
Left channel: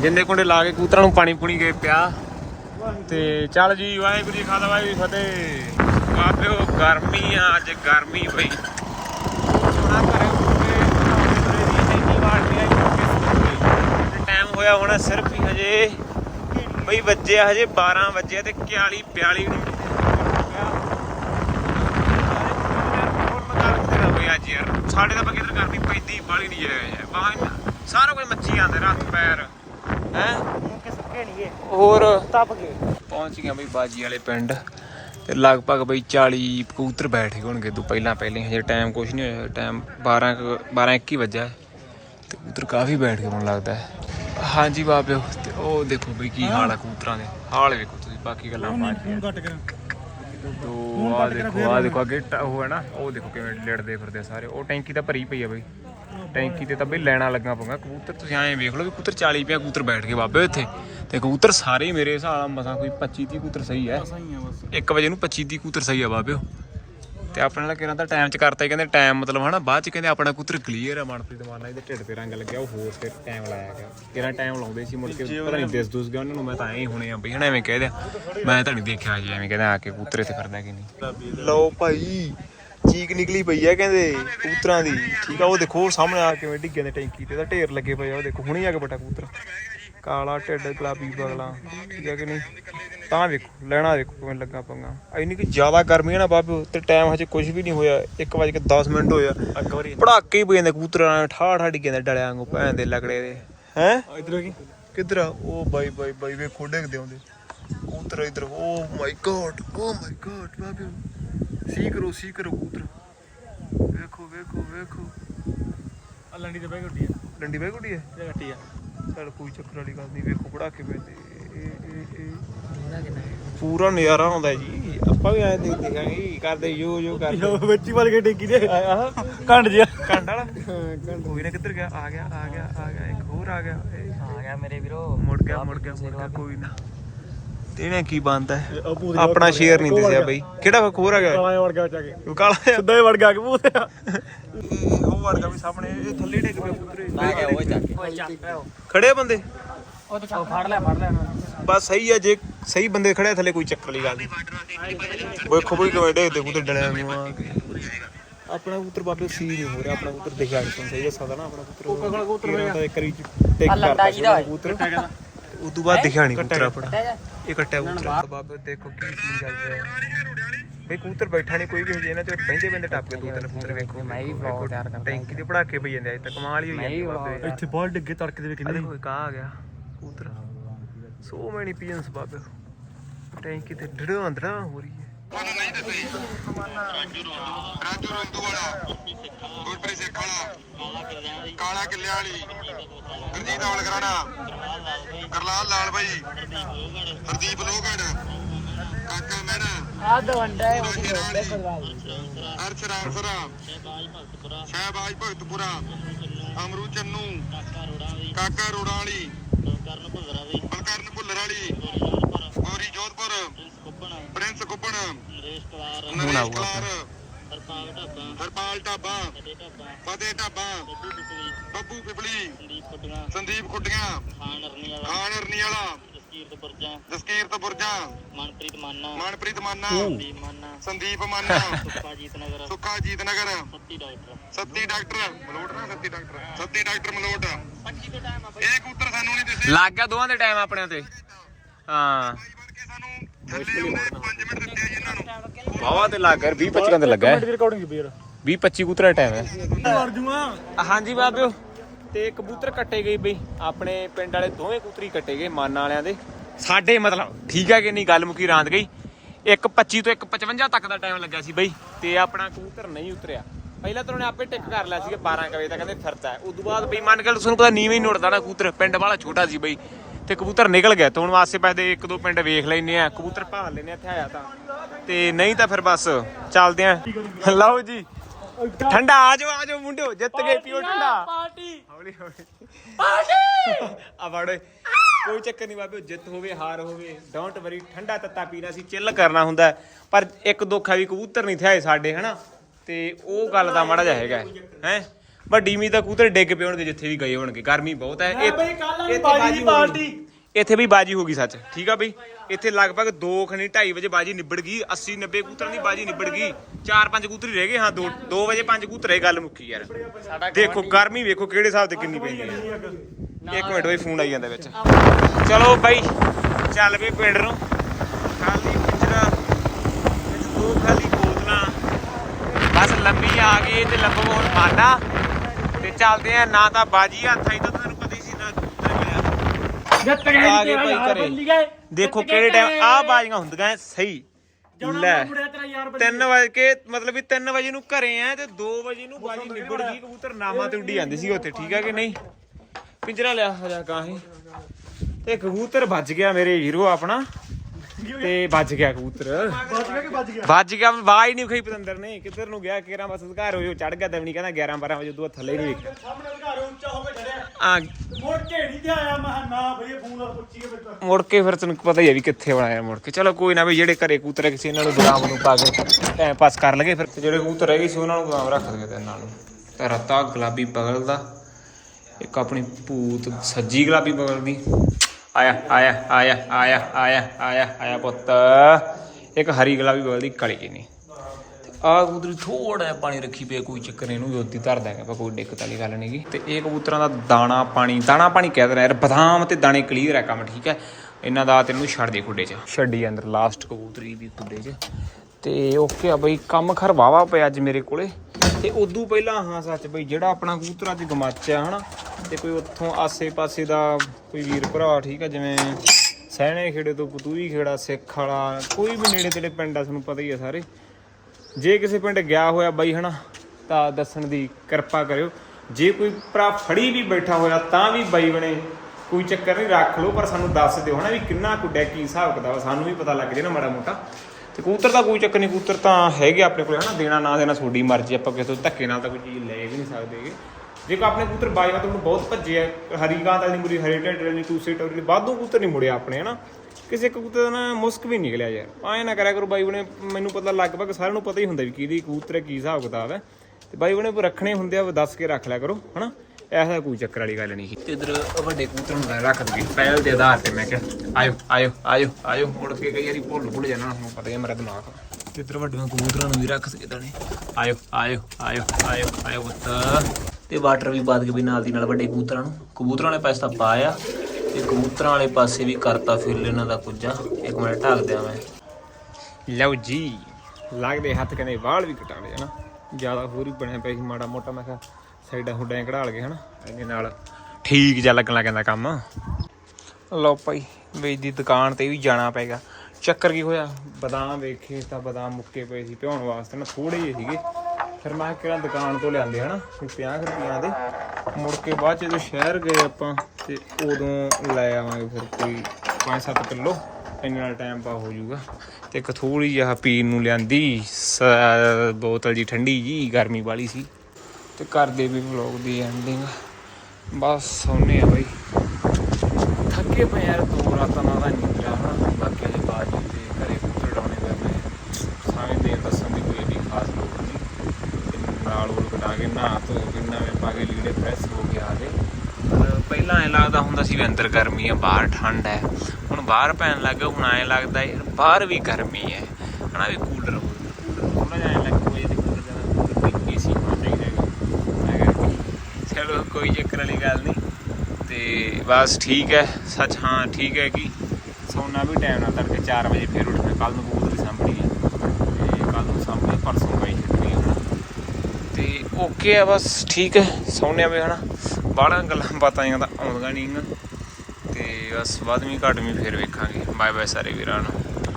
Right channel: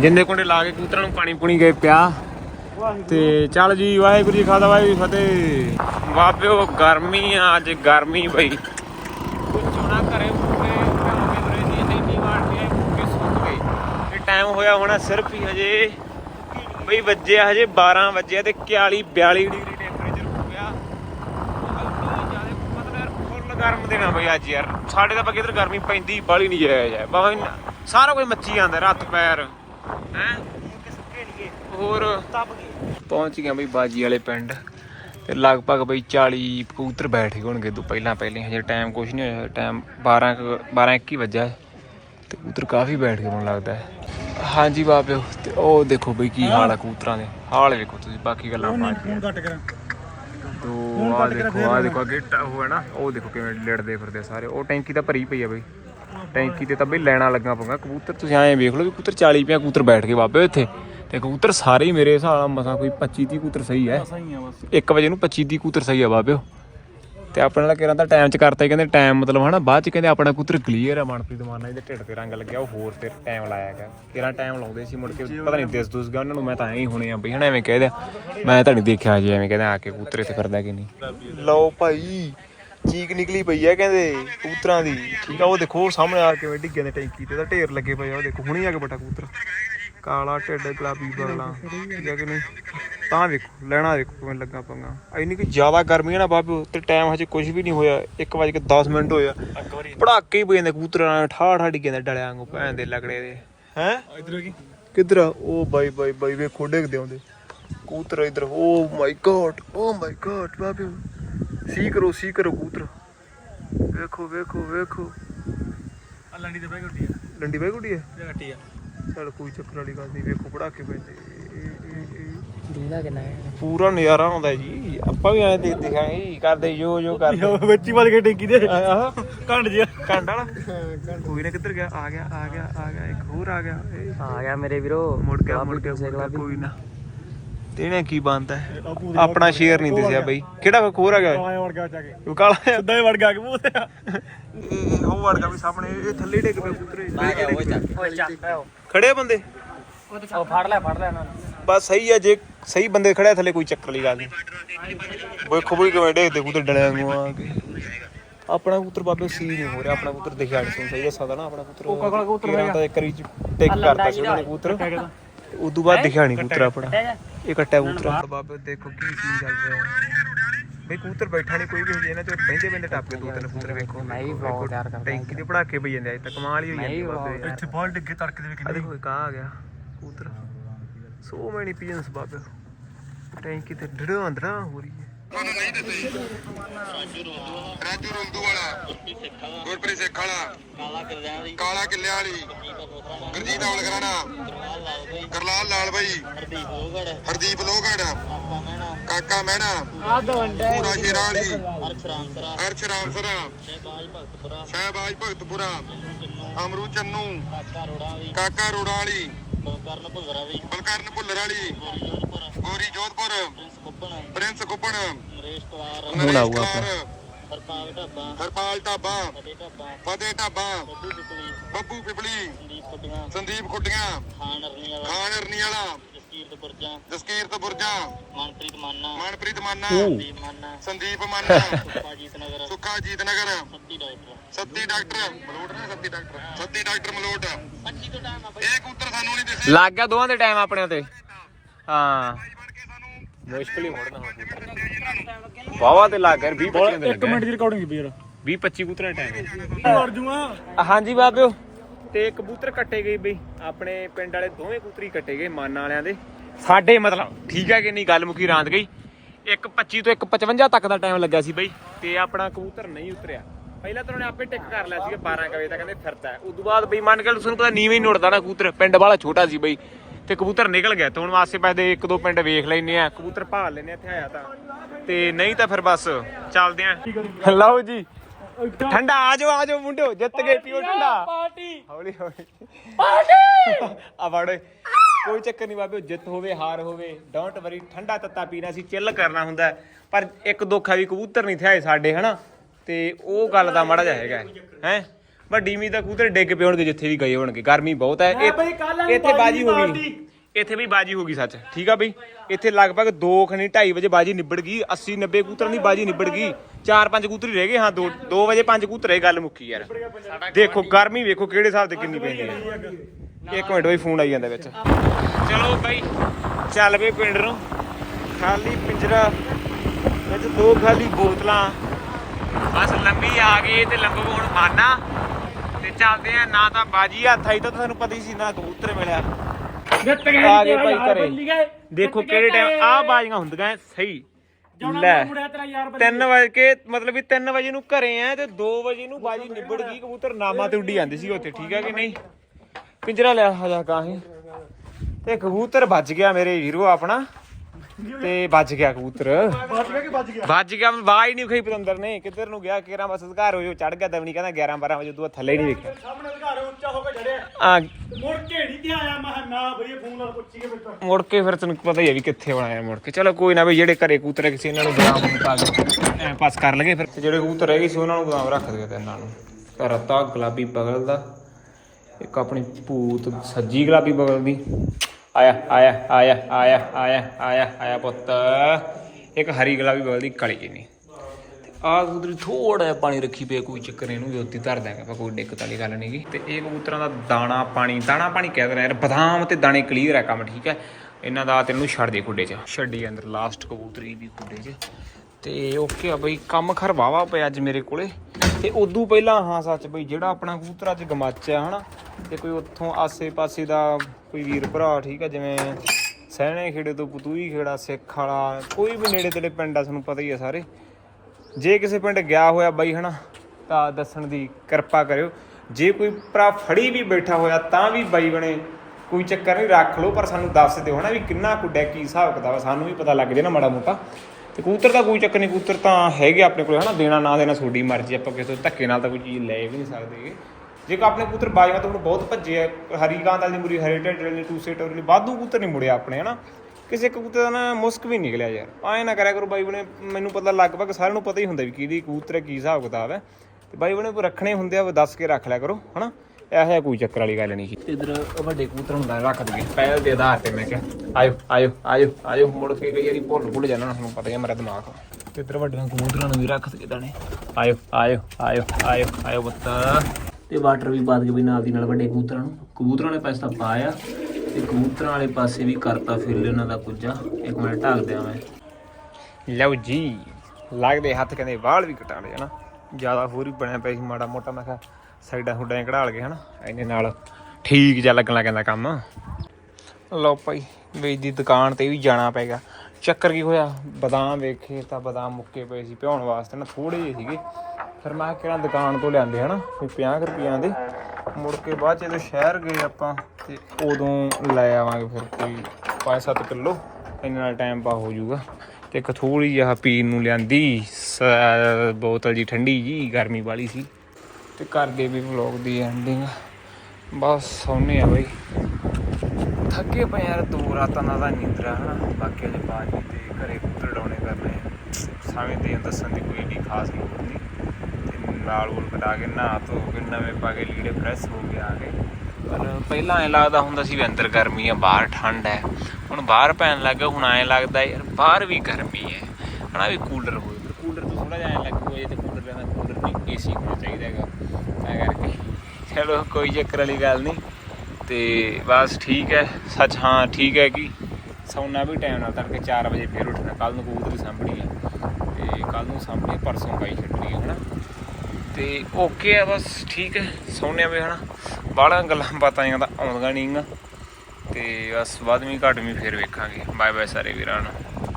ਜਿੰਦੇ ਕੋਡੇ ਲਾ ਕੇ ਕਬੂਤਰਾਂ ਨੂੰ ਪਾਣੀ ਪੂਣੀ ਗਏ ਪਿਆ, ਤੇ ਚੱਲ ਜੀ, ਵਾਹਿਗੁਰੂ ਜੀ ਖਾਦਾ ਵਾਹਿਗੁਰੂ ਜੀ ਫਤਿਹ। ਬਾਬਿਓ ਗਰਮੀ ਆ, ਅੱਜ ਗਰਮੀ ਬਈ। ਟਾਈਮ ਹੋਇਆ ਹੋਣਾ ਸਿਰਫ ਹੀ ਹਜੇ। ਬਈ ਵੱਜਿਆ ਹਜੇ 12 ਵਜੇ ਤੇ 41 42 ਡਿਗਰੀ ਅੱਜ ਯਾਰ। ਸਾਡੇ ਤਾਂ ਬੱਗੇ ਇਧਰ ਗਰਮੀ ਪੈਂਦੀ, ਬਾਲੀ ਨਹੀਂ ਜਾਇਆ ਜਾਏ ਬਾਹਰ ਸਾਰਾ ਕੁਝ ਮੱਚੀ ਜਾਂਦਾ ਰੱਤ ਪੈਰ। ਹੈ? ਹੋਰ? ਪਹੁੰਚ ਗਿਆ ਬਈ ਬਾਜੀ ਵਾਲੇ ਪਿੰਡ। ਤੇ ਲਗਭਗ ਬਈ 40 ਕਬੂਤਰ ਬੈਠ ਗਏ ਹੋਣਗੇ ਤੋਂ ਪਹਿਲਾਂ ਪਹਿਲੇ। ਹਜੇ ਟਾਈਮ ਕੁਝ ਨਹੀਂ ਹੋਇਆ ਟਾਈਮ 12 ਕੁ- 12 21 ਵਜਾ ਤੇ ਕਬੂਤਰ ਕਾਫੀ ਬੈਠ ਗਏ ਮੈਨੂੰ ਲੱਗਦਾ। ਹੈ ਹਾਂਜੀ ਬਾਬਿਓ ਤੇ ਉਹ ਦੇਖੋ ਬਈ ਕੀ ਹਾਲ ਹੈ ਕਬੂਤਰਾਂ ਦੇ। ਹਾਲ ਵੇਖੋ ਤੁਸੀਂ ਬਾਕੀ ਗੱਲਾਂ ਬਾਅਦ ਕਰਾਂ। ਤੋ ਆ ਦੇਖੋ ਆ ਦੇਖੋ ਅੱਗੇ ਟ- ਉਹ ਹੈ ਨਾ ਉਹ ਦੇਖੋ ਕਿਵੇਂ ਲੜਦੇ ਫਿਰਦੇ ਆ ਸਾਰੇ। ਉਹ ਟੈਂਕੀ ਤਾਂ ਭਰੀ ਪਈ ਆ ਬਈ। ਟੈਂਕੀ ਤੇ ਤਾਂ ਬਈ ਲੈਣਾ ਲੱਗਾ ਪਊਗਾ। ਕਬੂਤਰ ਤੁਸੀਂ ਐਂ ਵੇਖ ਲਓ ਵੀ ਕਬੂਤਰ 40 ਪਿਆ ਕਬੂਤਰ ਬੈਠ ਕੇ ਬਾਬੇ ਇੱਥੇ। ਤੇ ਕਬੂਤਰ ਸਾਰੇ ਹੀ ਮੇਰੇ ਹਿਸਾਬ ਨਾਲ ਮਸਾ ਕੋਈ 25 30 ਕਬੂਤਰ ਸਹੀ ਹੈ। ਸਹੀ ਆ ਬਸ। 1 ਵਜੇ ਨੂੰ 25 30 ਕਬੂਤਰ ਸਹੀ ਆ ਬਾਬਿਓ ਤੇ ਆਪਣੇ ਨਾਲ ਕਿਹੜਾ ਤਾਂ ਟਾਈਮ ਚ ਕਰਤਾ ਕਹਿੰਦੇ ਟਾਈਮ ਮਤਲਬ ਹਨਾ ਬਾਅਦ ਚ ਕਹਿੰਦੇ ਆਪਣਾ ਕਬੂਤਰ ਕਲੀਅਰ ਆ ਮਨਪ੍ਰੀਤ ਮਾਨਾ ਇਹਦੇ ਢਿੱਡ ਤੇ ਰੰਗ ਲੱਗਿਆ ਉਹ ਹੋਰ ਫਿਰ ਟਾਈਮ ਲਾਇਆ ਗਿਆ ਕਿਹੜਾ ਟਾਈਮ ਲਾਉਂਦੇ ਸੀ ਮੁੜ ਕੇ ਪਤਾ ਨਹੀਂ ਦਿਸ ਦੁਸ ਗਿਆ ਉਹਨਾਂ ਨੂੰ ਮੈਂ ਤਾਂ ਐਂ ਹੀ ਹੁਣੇ ਆ ਬਈ ਹਨਾ ਐਵੇਂ ਕਹਿ ਮੈਂ ਤਾਂ ਨਹੀਂ ਦੇਖਿਆ ਜੀ ਐਵੇਂ ਕਹਿੰਦਾ ਆ ਕੇ ਕਬੂਤਰ ਇੱਥੇ ਫਿਰਦਾ ਕਿ ਨਹੀਂ। ਲਓ ਭਾਈ ਚੀਕ ਨਿਕਲੀ ਪਈ ਆ ਕਹਿੰਦੇ ਕਬੂਤਰਾਂ ਦੀ। ਠੀਕ ਆ ਉਹ ਦੇਖੋ ਸਾਹਮਣੇ ਆ ਕਿਵੇਂ ਡਿੱਗੇ ਨੇ ਟੈਂਕੀ ਤੇ ਤਾਂ ਢੇਰ ਲੱਗੇ ਪਏ ਆ ਉਹ ਦੇਖੋ ਹੁਣੇ ਆ ਕੇ ਬਟਾ ਕਬੂਤਰ। ਕਾਲਾ ਢਿੱਡ ਗੁਲਾਬੀ ਬਗਲਾ ਠੀਕ ਆ ਕਿ ਨਹੀਂ? ਤਾਂ ਵੇਖੋ ਲੈਣਾ ਵੇਖੋ ਕਿਵੇਂ ਲੱਗਾ ਪੰਗਾ। ਇੰਨੀ ਕਿ ਜ਼ਿਆਦਾ ਗਰਮੀ ਹੈ ਨਾ ਬਾਬੂ ਤੇ ਟਾਈਮ ਹਜੇ ਕੁਝ ਵੀ ਨਹੀਂ ਹੋਇਆ 1 ਵਜੇ ਕੇ 10 ਮਿੰਟ ਹੋਇਆ। ਪੜਾਕੇ ਹੀ ਪਈ ਜਾਂਦੇ ਕਬੂਤਰਾਂ ਠਾਠ ਠਾ ਡਿੱਗੇ ਨੇ ਡਲਿਆਂ ਵਾਂਗੂ ਭੈਣ ਦੇ ਲੱਗੜੇ ਦੇ। ਹੈ? ਇਧਰ ਕੀ ਕਿੱਧਰ ਉਹ ਬਾਈ ਬਾਈ ਬਾਈ ਵੇਖੋ ਡਿੱਗਦੇ ਹੁੰਦੇ। ਕਬੂਤਰ ਇਧਰ ਓ ਮਾਈ ਗॉड ਓ ਮਾਈ ਗॉड ਬਾਬੂ। ਸੀ ਕਰੋ ਸੀ ਕਰੋ ਕਬੂਤਰ। ਵੇਖੋ ਵੇਖੋ ਵੇਖੋ। ਲੰਡੀ ਤੇ ਬਹਿ ਗੁੱਡੀ ਆ। ਡੰਡੀ ਬਾਈ ਗੁੱਡੀ ਹੈ? ਗੱਟੀ ਆ। ਚੱਲ ਕੋਈ ਚੱਕਰ ਵਾਲੀ ਗੱਲ ਨਹੀਂ ਵੇਖੋ ਪੜਾਕੇ ਪੈਂਦੇ ਇਹ- ਇਹ- ਇਹ- ਪੂਰਾ ਨਜ਼ਾਰਾ ਆਉਂਦਾ ਜੀ। ਆਪਾਂ ਵੀ ਐਂ ਦੇਖ ਦੇਖਾਂਗੇ ਕਰਦੇ ਯੋ ਯੋ ਕਰਦੇ। ਵਿੱਚ ਹੀ ਵੱਜ ਕੇ ਡੇਕੀ ਦੇ ਕੰਡ ਜਿਆ ਕੰਡ ਵਾਲਾ? ਕੋਈ ਨਾ ਕਿੱਧਰ ਗਿਆ? ਆ ਗਿਆ ਆ ਗਿਆ ਆ ਗਿਆ ਇੱਕ ਹੋਰ ਆ ਗਿਆ। ਆ ਗਿਆ ਮੇਰੇ ਵੀਰੋ। ਮੁੜ ਗਿਆ ਮੁੜ ਗਿਆ ਮੁੜ ਗਿਆ ਕੋਈ ਨਾ। ਤੇ ਇਹਨੇ ਕੀ ਬੰਦਾ ਆਪਣਾ ਸ਼ੇਰ ਨਹੀਂ ਦਿਸਿਆ ਬਈ। ਕਿਹੜਾ ਹੋਰ ਆ ਗਿਆ? ਕਾਲਾ ਵੜ ਗਿਆ ਚੱਕ ਕੇ। ਕਾਲਾ ਜਿਹਾ। ਸਿੱਧਾ ਹੀ ਵੜ ਗਿਆ ਕਿ ਭੂਤ ਇਹ ਉਹ ਵੜ ਗਿਆ ਵੀ ਸਾਹਮਣੇ ਇਹ ਥੱਲੇ ਡਿੱਗ ਪਿਆ ਪੁੱਤਰੇ ਗਿਆ ਉਹ ਚੱਕ ਖੜੇ ਆ ਬੰਦੇ? ਉਹ ਫੜ ਲੈ ਫੜ ਲੈ ਬਸ ਸਹੀ ਹੈ ਜੇ ਸਹੀ ਬੰਦੇ ਖੜਿਆ ਥੱਲੇ ਕੋਈ ਚੱਕਰ ਵਾਲੀ ਗੱਲ ਨਹੀਂ। ਵੇਖੋ ਬਈ ਕਿਵੇਂ ਡੇਗਦੇ ਕਬੂਤਰ ਡਲਿਆਂ ਨੂੰ ਆ ਕੇ। ਆਪਣਾ ਕਬੂਤਰ ਬਾਬੇ ਸੀ ਨਹੀਂ ਹੋ ਰਿਹਾ ਆਪਣਾ ਕਬੂਤਰ ਦਿਖਿਆ ਨਹੀਂ ਤੁਹਾਨੂੰ ਸਹੀ ਤਾਂ ਨਾ ਆਪਣਾ ਕਬੂਤਰ ਕੀਰਾਂ ਦਾ ਇੱਕ ਵਾਰੀ ਟਿਕ ਕਰਤਾ ਸੀ ਉਹਨੇ ਕਬੂਤਰ ਉਦੋਂ ਬਾਅਦ ਦਿਖਿਆ ਨਹੀਂ ਕਬੂਤਰ ਆਪਣਾ। ਇਹ ਕੱਟਿਆ ਕਬੂਤਰ ਬਾਬੇ ਦੇਖੋ ਕੀ ਸੀਨ ਚੱਲ ਰਿਹਾ। ਬਈ ਕਬੂਤਰ ਬੈਠਾ ਨਹੀਂ ਕੋਈ ਵੀ ਹਜੇ ਇਹਨਾਂ ਚ ਬਹਿੰਦੇ ਬਹਿੰਦੇ ਟੱਪ ਕੇ ਦੋ ਤਿੰਨ ਕਬੂਤਰ ਵੇਖੋ। ਮੈਂ ਵੀ vlog ਤਿਆਰ ਕਰਦਾ ਟੈਂਕੀ ਦੇ ਪੜਾਕੇ ਪਈ ਜਾਂਦੇ ਅੱਜ ਤੱਕ ਕਮਾਲ ਹੀ ਹੋਈ ਜਾਂਦੀ ਬਾਬੇ ਇੱਥੇ ਬਾਹਰ ਡਿੱਗੇ ਤੜਕੇ ਦੇ ਆ ਦੇਖੋ ਇੱਕ ਆਹ ਆ ਗਿਆ ਕਬੂਤਰ। ਸੋ ਮੈਨੀ ਪੀਜਨਸ ਬਾਬੇ ਟੈਂਕੀ ਤੇ ਡੜਾਂ ਡੜਾਂ ਹੋ ਰਹੀ ਹੈ। ਰਾਜੂ ਰੰਦੂ ਵਾਲਾ। ਗੁਰਪ੍ਰੀਤ ਸੇਖ ਵਾਲਾ। ਕਾਲਾ ਕਿੱਲੇ ਵਾਲੀ। ਗੁਰਜੀਤ ਨਾਲ ਕਰਾਣਾ ਗਰਲਾਲ ਲਾਲ ਬਾਈ। ਹਰਦੀਪ ਲੋਹਗੜ। ਕਾਕਾ ਮਹਿਣਾ ਪੂਰਾ ਸ਼ੇਰਾਂ ਵਾਲੀ ਅਰਸ਼ ਰਾਮ ਸਰਾ। ਸਹਿਬਾਜ ਭਗਤਪੁਰਾ। ਅਮਰੂ ਚੰਨੂ। ਕਾਕਾ ਰੋੜਾ ਵਾਲੀ। ਬਲਕਰਨ ਭੁੱਲਰ ਵਾਲੀ। ਗੋਰੀ ਜੋਧਪੁਰ। ਪ੍ਰਿੰਸ ਕੁੱਪਣ। ਹੁਣ ਆਊਗਾ ਆਪਣਾ। ਹਰਪਾਲ ਢਾਬਾ। ਫਤਿਹ ਢਾਬਾ। ਬੱਬੂ ਪਿਪਲੀ। ਸੰਦੀਪ ਕੁੱਟੀਆਂ ਖਾਨ ਅਰਨੀ ਵਾਲਾ। ਜਸਕੀਰਤ ਬੁਰਜਾ। ਮਨਪ੍ਰੀਤ ਮਾਨਾ। ਮਨਪ੍ਰੀਤ ਮਾਨਾ। ਮਾਨਾ। ਸੰਦੀਪ ਮਾਨਾ। ਬਾਜੀਤ ਨਗਰ। ਸੁੱਖਾ ਜੀਤ ਨਗਰ। ਸੱਤੀ ਡਾਕਟਰ। ਸੱਤੀ ਡਾਕਟਰ। ਮਲੋਟ ਨਾ ਸੱਤੀ ਡਾਕਟਰ। ਸੱਤੀ ਡਾਕਟਰ ਮਲੋਟ। ਇਹ ਕਬੂਤਰ ਸਾਨੂੰ ਨਹੀਂ ਦਿਸੇ। ਲੱਗ ਗਿਆ ਦੋਵਾਂ ਦੇ ਟਾਈਮ ਆਪਣੇ ਤੇ। ਹਾਂ। ਬਣ ਕੇ ਸਾਨੂੰ ਮੁਸ਼ਕਿਲ ਹੀ ਮੋੜਨਾ ਵਾਵਾ ਤੇ ਲੱਗ ਗਿਆ 20 25 ਤੇ ਲੱਗਾ ਦੀ ਰਿਕਾਰਡਿੰਗ ਵੀ ਯਾਰ। 20 25 ਕੂਤਰਾ ਟਾਈਮ ਹੈ। ਹਾਂਜੀ ਬਾਬਿਓ। ਤੇ ਕਬੂਤਰ ਕੱਟੇ ਗਏ ਬਈ। ਆਪਣੇ ਪਿੰਡ ਵਾਲੇ ਦੋਵੇਂ ਕਬੂਤਰੀ ਕੱਟੇ ਗਏ ਮਾਨ ਵਾਲਿਆਂ ਦੇ। ਸਾਡੇ ਮਤਲਬ ਠੀਕ ਹੈ ਕਿ ਨਹੀਂ, ਗੱਲ ਮੁਕੀ ਰਾਂਦ ਗਈ। ਇੱਕ 25 ਤੋਂ ਇੱਕ 55 ਤੱਕ ਦਾ ਟਾਈਮ ਲੱਗਿਆ ਸੀ ਬਈ, ਤੇ ਆਪਣਾ ਕਬੂਤਰ ਨਹੀਂ ਉਤਰਿਆ। ਪਹਿਲਾਂ ਤਾਂ ਉਹਨੇ ਆਪੇ ਟਿਕ ਕਰ ਲਿਆ ਸੀ 12 ਕੁ ਵਜੇ ਤੱਕ, ਕਹਿੰਦੇ ਫਿਰਦਾ ਹੈ। ਤੋਂ ਬਾਅਦ ਬਈ, ਮੰਨ ਕੇ ਤੁਸੀਂ ਪਤਾ ਨੀਵੇਂ ਹੀ ਨੁੜਦਾ ਨਾ ਕਬੂਤਰ, ਪਿੰਡ ਵਾਲਾ ਛੋਟਾ ਸੀ ਬਈ, ਤੇ ਕਬੂਤਰ ਨਿਕਲ ਗਿਆ। ਤੇ ਹੁਣ ਆਸੇ ਪਾਸੇ ਦੇ ਇੱਕ ਦੋ ਪਿੰਡ ਵੇਖ ਲੈਨੇ ਆ ਕਬੂਤਰ ਭਾਲ ਲੈਨੇ ਇੱਥੇ ਆਇਆ ਤਾਂ। ਤੇ ਨਹੀਂ ਤਾਂ ਫਿਰ ਬਸ, ਚੱਲਦੇ ਆ ਲਓ ਜੀ ਠੰਡਾ। ਆ ਜਾਓ ਆ ਜਾਓ ਮੁੰਡਿਓ ਜਿੱਤ ਗਏ ਪੀਓ ਠੰਡਾ। ਪਾਰਟੀ। ਹੌਲੀ ਹੌਲੀ। ਪਾਰਟੀ! ਆ ਵੜੇ ਕੋਈ ਚੱਕਰ ਨਹੀਂ ਬਾਬੇ ਜਿੱਤ ਹੋਵੇ ਹਾਰ ਹੋਵੇ ਡੋਂਟ ਵਰੀ ਠੰਡਾ ਤੱਤਾ ਪੀਣਾ ਸੀ ਚਿੱਲ ਕਰਨਾ ਹੁੰਦਾ। ਪਰ ਇੱਕ ਦੁੱਖ ਵੀ ਕਬੂਤਰ ਨਹੀਂ ਥਿਆਏ ਸਾਡੇ ਹਨਾ? ਤੇ ਉਹ ਗੱਲ ਦਾ ਮਾੜਾ ਜਿਹਾ ਹੈਗਾ ਹੈ ਵੱਡੀ ਮੀ ਤਾਂ ਕਬੂਤਰ ਡਿੱਗ ਪਏ ਹੋਣਗੇ ਜਿੱਥੇ ਵੀ ਗਏ ਹੋਣਗੇ। ਗਰਮੀ ਬਹੁਤ ਹੈ। ਇੱਥੇ ਬਾਜੀ ਹੋ ਗਈ ਇੱਥੇ ਵੀ ਬਾਜੀ ਹੋ ਗਈ ਸੱਚ। ਠੀਕ ਆ ਬਈ? ਇੱਥੇ ਲਗਭਗ 2 ਖਣੀ 2:30 ਵਜੇ ਬਾਜੀ ਨਿਬੜ ਗਈ 80 90 ਕੂਤਰਾਂ ਦੀ ਬਾਜੀ ਨਿਬੜ ਗਈ। 4-5 ਕੂਤਰੀ ਰਹਿ ਗਏ, ਹਾਂ 2 2 ਵਜੇ 5 ਕਬੂਤਰ ਗੱਲ ਮੁੱਕੀ ਯਾਰ। ਦੇਖੋ, ਗਰਮੀ ਵੇਖੋ ਕਿਹੜੇ ਹਿਸਾਬ ਤੇ ਕਿੰਨੀ ਪੈਂਦੀ ਹੈ। ਇੱਕ ਮਿੰਟ ਬਈ, ਫੋਨ ਆਈ ਜਾਂਦਾ ਵਿੱਚ। ਚਲੋ ਬਾਈ, ਚੱਲ ਪਏ ਪਿੰਡ ਨੂੰ। ਖਾਲੀ ਪਿੰਜਰਾ, ਵਿੱਚ ਦੋ ਖਾਲੀ ਬੋਤਲਾਂ। ਬਸ ਲੰਬੀ ਆ ਗਈ ਤੇ ਲੰਬੂ ਹੁਣ ਖਾਣਾ ਤੇ ਚੱਲਦੇ ਆ, ਨਾ ਤਾਂ ਬਾਜੀ ਹੱਥ ਆਈ ਤਾਂ ਤੁਹਾਨੂੰ ਪਤਾ ਹੀ ਸੀ ਨਾ ਕਬੂਤਰ ਮਿਲਿਆ। ਆ ਗਏ ਭਾਈ ਘਰੇ। ਦੇਖੋ ਕਿਹੜੇ ਟਾਈਮ ਆ ਬਾਜੀਆਂ ਹੁੰਦੀਆਂ ਐ ਸਹੀ। ਲੈ। 3 ਵਜੇ ਕੇ ਮਤਲਬ ਵੀ 3 ਵਜੇ ਨੂੰ ਘਰੇ ਆ ਤੇ 2 ਵਜੇ ਨੂੰ ਬਾਜੀ ਨਿਬੜ ਗਈ ਕਬੂਤਰ ਨਾਮਾ ਤੇ ਉੱਡੀ ਜਾਂਦੇ ਸੀ ਉੱਥੇ ਠੀਕ ਹੈ ਕਿ ਨਹੀਂ? ਪਿੰਜਰਾ ਲਿਆ ਹਜਾ ਕਾਹੀਂ ਤੇ ਕਬੂਤਰ ਵੱਜ ਗਿਆ ਮੇਰੇ ਹੀਰੋ ਆਪਣਾ। ਤੇ ਵੱਜ ਗਿਆ ਕਬੂਤਰ। ਵੱਜ ਗਿਆ ਆਵਾਜ਼ ਨਹੀਂ ਉਖਈ ਪਤੰਦਰ ਨੇ। ਕਿੱਧਰ ਨੂੰ ਗਿਆ ਕੇਰਾ ਬਸ ਘਰ ਹੋਇਓ ਚੜ ਗਿਆ ਦਵਣੀ ਕਹਿੰਦਾ 11 12 ਵਜੇ ਤੂੰ ਥੱਲੇ ਨਹੀਂ ਵੇਖਿਆ। ਆ ਮੁੜ ਕੇ ਨਹੀਂ ਤੇ ਆਇਆ ਮੈਂ ਕਿਹਾ ਨਾ ਭਈ ਫੋਨ ਨਾਲ ਪੁੱਛੀਏ ਫਿਰ ਮੁੜ ਕੇ ਫਿਰ ਤੈਨੂੰ ਪਤਾ ਹੀ ਹੈ ਵੀ ਕਿੱਥੇ ਬਣਾਇਆ ਮੁੜ ਕੇ। ਚਲੋ ਕੋਈ ਨਾ ਵੀ ਜਿਹੜੇ ਘਰੇ ਕਬੂਤਰ ਕਿਸੇ ਇਹਨਾਂ ਨੂੰ ਬਦਾਮ ਨੂੰ ਪਾ ਕੇ ਟਾਈਮ ਪਾਸ ਕਰ ਲਗੇ ਫਿਰ। ਤੇ ਜਿਹੜੇ ਕਬੂਤਰ ਰਹਿ ਗਏ ਸੀ ਉਹਨਾਂ ਨੂੰ ਬਦਾਮ ਰੱਖ ਦਗੇ ਤੇ ਇਹਨਾਂ ਨੂੰ। ਤੇ ਰਤਾ ਗੁਲਾਬੀ ਬਗਲ ਦਾ ਇੱਕ ਆਪਣੀ ਭੂਤ ਸੱਜੀ ਗੁਲਾਬੀ ਬਗਲ ਦੀ ਆਇਆ ਆਇਆ ਆਇਆ ਆਇਆ ਆਇਆ ਆਇਆ ਆਇਆ ਪੁੱਤ। ਇੱਕ ਹਰੀ ਗੁਲਾਬੀ ਬਗਲ ਦੀ ਕਾਲੀ ਜਿੰਨੀ ਆਹ ਕਬੂਤਰੀ ਥੋੜਾ ਜਿਹਾ ਪਾਣੀ ਰੱਖੀ ਪਿਆ ਕੋਈ ਚੱਕਰ ਨਹੀਂ, ਇਹਨੂੰ ਵੀ ਉੱਦੀ ਧਰ ਦਾਂਗੇ ਆਪਾਂ, ਕੋਈ ਦਿੱਕਤ ਵਾਲੀ ਗੱਲ ਨਹੀਂਗੀ ਤੇ ਇਹ ਕਬੂਤਰਾਂ ਦਾ ਦਾਣਾ ਪਾਣੀ ਦਾਣਾ ਪਾਣੀ ਕਹਿ ਦੇਣਾ ਯਾਰ ਬਦਾਮ ਤੇ ਦਾਣੇ ਕਲੀਅਰ ਹੈ ਕੰਮ, ਠੀਕ ਹੈ ਇਹਨਾਂ ਦਾ ਤੈਨੂੰ ਛੱਡ ਦੇ ਖੁੱਡੇ 'ਚ, ਛੱਡੀ ਅੰਦਰ ਲਾਸਟ ਕਬੂਤਰੀ ਵੀ ਖੁੱਡੇ 'ਚ। ਤੇ ਓਕੇ ਆ ਬਈ, ਕੰਮ ਖਰਵਾਵਾ ਪਿਆ ਅੱਜ ਮੇਰੇ ਕੋਲੇ। ਤੇ ਉਦੋਂ ਪਹਿਲਾਂ, ਹਾਂ ਸੱਚ ਬਈ, ਜਿਹੜਾ ਆਪਣਾ ਕਬੂਤਰ ਅੱਜ ਗਮਾਚਿਆ ਹਨਾ ਤੇ ਕੋਈ ਉੱਥੋਂ ਆਸੇ-ਪਾਸੇ ਦਾ ਕੋਈ ਵੀਰ ਭਰਾ, ਠੀਕ ਆ, ਜਿਵੇਂ ਸਹਿਣੇ ਖੇੜੇ ਤੋਂ ਪਤੂਈ ਖੇੜਾ, ਸਿੱਖ ਵਾਲਾ, ਕੋਈ ਵੀ ਨੇੜੇ ਤੇੜੇ ਪਿੰਡ ਆ, ਤੁਹਾਨੂੰ ਪਤਾ ਹੀ ਆ ਸਾਰੇ। ਜੇ ਕਿਸੇ ਪਿੰਡ ਗਿਆ ਹੋਇਆ ਬਾਈ ਹਨਾ ਤਾਂ ਦੱਸਣ ਦੀ ਕਿਰਪਾ ਕਰਿਓ। ਜੇ ਕੋਈ ਭਰਾ ਫੜੀ ਵੀ ਬੈਠਾ ਹੋਇਆ ਤਾਂ ਵੀ ਬਾਈ ਬਣੇ। ਕੋਈ ਚੱਕਰ ਨਹੀਂ ਰੱਖ ਲਓ ਪਰ ਸਾਨੂੰ ਦੱਸ ਦਿਓ ਹਨਾ ਵੀ ਕਿੰਨਾ ਕੁ ਡੈਕੀ ਹਿਸਾਬ ਕਿਤਾਬ ਆ, ਸਾਨੂੰ ਵੀ ਪਤਾ ਲੱਗ ਜੇ ਨਾ ਮਾੜਾ ਮੋਟਾ। ਤੇ ਕਬੂਤਰ ਦਾ ਕੋਈ ਚੱਕਰ ਨਹੀਂ ਕਬੂਤਰ ਤਾਂ ਹੈਗੇ ਆਪਣੇ ਕੋਲ ਹਨਾ ਦੇਣਾ ਨਾ ਦੇਣਾ ਤੁਹਾਡੀ ਮਰਜ਼ੀ ਆਪਾਂ ਕਿਸੇ ਤੋਂ ਧੱਕੇ ਨਾਲ ਤਾਂ ਕੋਈ ਚੀਜ਼ ਲੈ ਵੀ ਨਹੀਂ ਸਕਦੇਗੇ ਜੇ ਕੋ ਆਪਣੇ ਕਬੂਤਰ ਬਾਜਵਾ ਤੋਂ ਹੁਣ ਬਹੁਤ ਭੱਜੇ ਆ ਹਰੀ ਵਾਲੀ ਮੁਰੀ ਹਰੇ ਢਿੱਡ ਟੂ ਟੂਸੇ ਟੋਰੀ ਵਾਧੂ ਕਬੂਤਰ ਨਹੀਂ ਮੁੜਿਆ ਆਪਣੇ ਹਨਾ। ਕਿਸੇ ਕਬੂਤਰ ਦਾ ਨਾ ਮੁਸਕ ਵੀ ਨਿਕਲਿਆ ਯਾਰ। ਐ ਨਾ ਕਰਿਆ ਕਰੋ ਬਾਈ ਬਣੇ, ਮੈਨੂੰ ਪਤਾ ਲਗਭਗ ਸਾਰਿਆਂ ਨੂੰ ਪਤਾ ਹੀ ਹੁੰਦਾ ਵੀ ਕਿਹਦੀ ਕਬੂਤਰ ਹੈ, ਕੀ ਹਿਸਾਬ ਕਿਤਾਬ ਹੈ। ਤੇ ਬਾਈ ਬਣੇ, ਰੱਖਣੇ ਹੁੰਦੇ ਆ ਦੱਸ ਕੇ ਰੱਖ ਲਿਆ ਕਰੋ, ਹਨਾ? ਇਹੋ ਕੋਈ ਚੱਕਰ ਵਾਲੀ ਗੱਲ ਨਹੀਂ ਤੇ ਇਧਰ ਵੱਡੇ ਕਬੂਤਰ ਹੁੰਦਾ ਰੱਖ ਦਈਏ ਪਹਿਲ ਦੇ ਆਧਾਰ ਤੇ ਮੈਂ ਕਿਹਾ, ਆਇਓ ਆਇਓ ਆਇਓ ਆਇਓ, ਮੁੜ ਕੇ ਕਈ ਵਾਰੀ ਭੁੱਲ ਭੁੱਲ ਜਾਣਾ ਤੁਹਾਨੂੰ ਪਤਾ ਹੀ ਹੈ ਮੇਰਾ ਦਿਮਾਗ। ਤੇ ਇਧਰ ਵੱਡੀਆਂ ਕਬੂਤਰਾਂ ਨੂੰ ਵੀ ਰੱਖ ਸਕੇ ਦਾਣੇ ਆਇਓ ਆਇਓ ਆਇਓ ਆਇਓ ਆਇਓ ਪੁੱਤ। ਤੇ ਵਾਟਰ ਵੀ ਪਾ ਕੇ ਵੀ ਨਾਲ ਦੀ ਨਾਲ ਵੱਡੇ ਕਬੂਤਰਾਂ ਨੂੰ। ਕਬੂਤਰਾਂ ਵਾਲੇ ਪੈਸਾ ਪਾਇਆ ਤੇ ਕਬੂਤਰਾਂ ਵਾਲੇ ਪਾਸੇ ਵੀ ਕਰਤਾ ਫਿਲ ਇਹਨਾਂ ਦਾ ਕੁੱਜਾ ਇੱਕ ਮਿੰਟ ਢੱਕ ਦਿਆਂ ਮੈਂ। ਲਓ ਜੀ, ਲੱਗਦੇ ਹੱਥ ਕਹਿੰਦੇ ਵਾਲ ਵੀ ਕਟਾ ਲਏ ਹਨਾ। ਜ਼ਿਆਦਾ ਹੋਰ ਵੀ ਬਣਿਆ ਪਿਆ ਸੀ, ਮਾੜਾ ਮੋਟਾ ਮੈਂ ਕਿਹਾ ਸਾਈਡਾਂ ਹੁੱਡਾਂ ਜਿਹੀਆਂ ਕਢਾ ਲਗੇ ਹਨਾ ਇਹਨੇ ਨਾਲ। ਠੀਕ ਜਿਹਾ ਲੱਗਣ ਲੱਗ ਜਾਂਦਾ ਕੰਮ। ਲਓ ਭਾਈ ਵੇਚ ਦੀ ਦੁਕਾਨ ਤੇ ਵੀ ਜਾਣਾ ਪੈਗਾ ਚੱਕਰ ਕੀ ਹੋਇਆ? ਬਦਾਮ ਵੇਖੇ ਤਾਂ ਬਦਾਮ ਮੁੱਕੇ ਪਏ ਸੀ ਭਿਉਣ ਵਾਸਤੇ, ਨਾ ਥੋੜੇ ਜਿਹੇ ਸੀਗੇ। ਫਿਰ ਮੈਂ ਕਿਹਾ ਦੁਕਾਨ ਤੋਂ ਲਿਆਂਦੇ ਹਨਾ, ਕੋਈ 50 ਰੁਪਈਆਂ ਦੇ। ਮੁੜ ਕੇ ਬਾਅਦ ਚ ਜਦੋਂ ਸ਼ਹਿਰ ਗਏ ਆਪਾਂ ਤੇ ਉਦੋਂ ਲੈ ਆਵਾਂਗੇ ਫਿਰ ਕੋਈ 5-7 ਕਿਲੋ। ਇੰਨੇ ਨਾਲ ਟਾਈਮ ਪਾ ਹੋ ਜਾਊਗਾ। ਤੇ ਇੱਕ ਥੋੜੀ ਜਿਹਾ ਪੀਣ ਨੂੰ ਲਿਆਂਦੀ, ਸ- ਬੋਤਲ ਜੀ ਠੰਡੀ ਜੀ ਗਰਮੀ ਵਾਲੀ ਸੀ। ਤੇ ਕਰਦੇ ਵੀ ਵਲੌਗ ਦੀ ਐਂਡਿੰਗ ਬਸ ਸੌਣੇ ਆ ਬਈ। ਥੱਕੇ ਪਏ ਯਾਰ, ਦੋ ਰਾਤਾਂ ਨਾਲ ਤਾਂ ਨੀਂਦਰਾ ਹਨਾ। ਬਾਕੀ ਦੇ ਬਾਅਦ ਤੇ ਘਰੇ ਪੁੱਤਰ ਡਾਉਣੇ ਕਰਨੇ ਆ। ਸਾਵੇਂ ਦੇਣ ਦੱਸਣ ਦੀ ਕੋਈ ਏਡੀ ਖਾਸ ਲੋੜ ਨਹੀਂ। ਤੇ ਨਾਲ ਉਲ ਕਟਾ ਕੇ ਨਹਾ ਧੋ ਕੇ ਨਵੇਂ ਪਾ ਕੇ ਲੀੜੇ ਫਰੈਸ਼ ਹੋ ਕੇ ਆ ਗਏ। ਪਹਿਲਾਂ ਐ ਲੱਗਦਾ ਹੁੰਦਾ ਸੀ ਵੀ ਅੰਦਰ ਗਰਮੀ ਆ, ਬਾਹਰ ਠੰਡ ਹੈ। ਹੁਣ ਬਾਹਰ ਪੈਣ ਲੱਗਾ ਹੁਣ ਐ ਲੱਗਦਾ ਯਾਰ ਬਾਹਰ ਵੀ ਗਰਮੀ ਹੈ। ਹਨਾ ਵੀ ਕੂਲਰ ਹੋਵੇ ਕੂਲਰ ਥੋੜਾ ਜਿਹਾ ਐ ਲੱਗੂਗਾ ਜੇ ਤੇ ਕੂਲਰ ਲੈਣਾ ਕੂਲਰ ਵੀ ਏਸੀ ਹੋਣਾ ਚਾਹੀਦਾ ਹੈਗਾ। ਐ ਕਰਕੇ। ਚਲੋ, ਕੋਈ ਚੱਕਰ ਵਾਲੀ ਗੱਲ ਨਹੀਂ। ਤੇ ਬਸ ਠੀਕ ਹੈ, ਸੱਚ ਹਾਂ, ਠੀਕ ਹੈ ਕਿ ਸੌਣਾ ਵੀ ਟਾਈਮ ਨਾਲ ਤੜਕੇ 4 ਵਜੇ ਫੇਰ ਉੱਠਣਾ। ਕੱਲ ਨੂੰ ਕਬੂਤਰ ਦੀ ਸਾਂਭਣੀ ਹੈ। ਤੇ ਕੱਲ ਨੂੰ ਸਾਂਭਣੀ, ਪਰਸੋਂ ਪਾਈ ਛੱਡਣੀ ਹੈ, ਹਨਾ। ਤੇ ਓਕੇ ਆ, ਬਸ ਠੀਕ ਹੈ, ਸੌਣਿਆ ਵੇ, ਹਨਾ। ਬਾਹਲਾ ਗੱਲਾਂ ਬਾਤਾਂ ਜਾਂ ਤਾਂ ਆਉਂਦੀਆਂ ਨਹੀਂ ਤੇ ਬਸ ਬਾਅਦ ਵਿੱਚ ਘੱਟ ਵੀ ਫੇਰ ਵੇਖਾਂਗੇ। ਬਾਏ ਬਾਏ ਸਾਰੇ ਵੀਰਾਂ ਨੂੰ।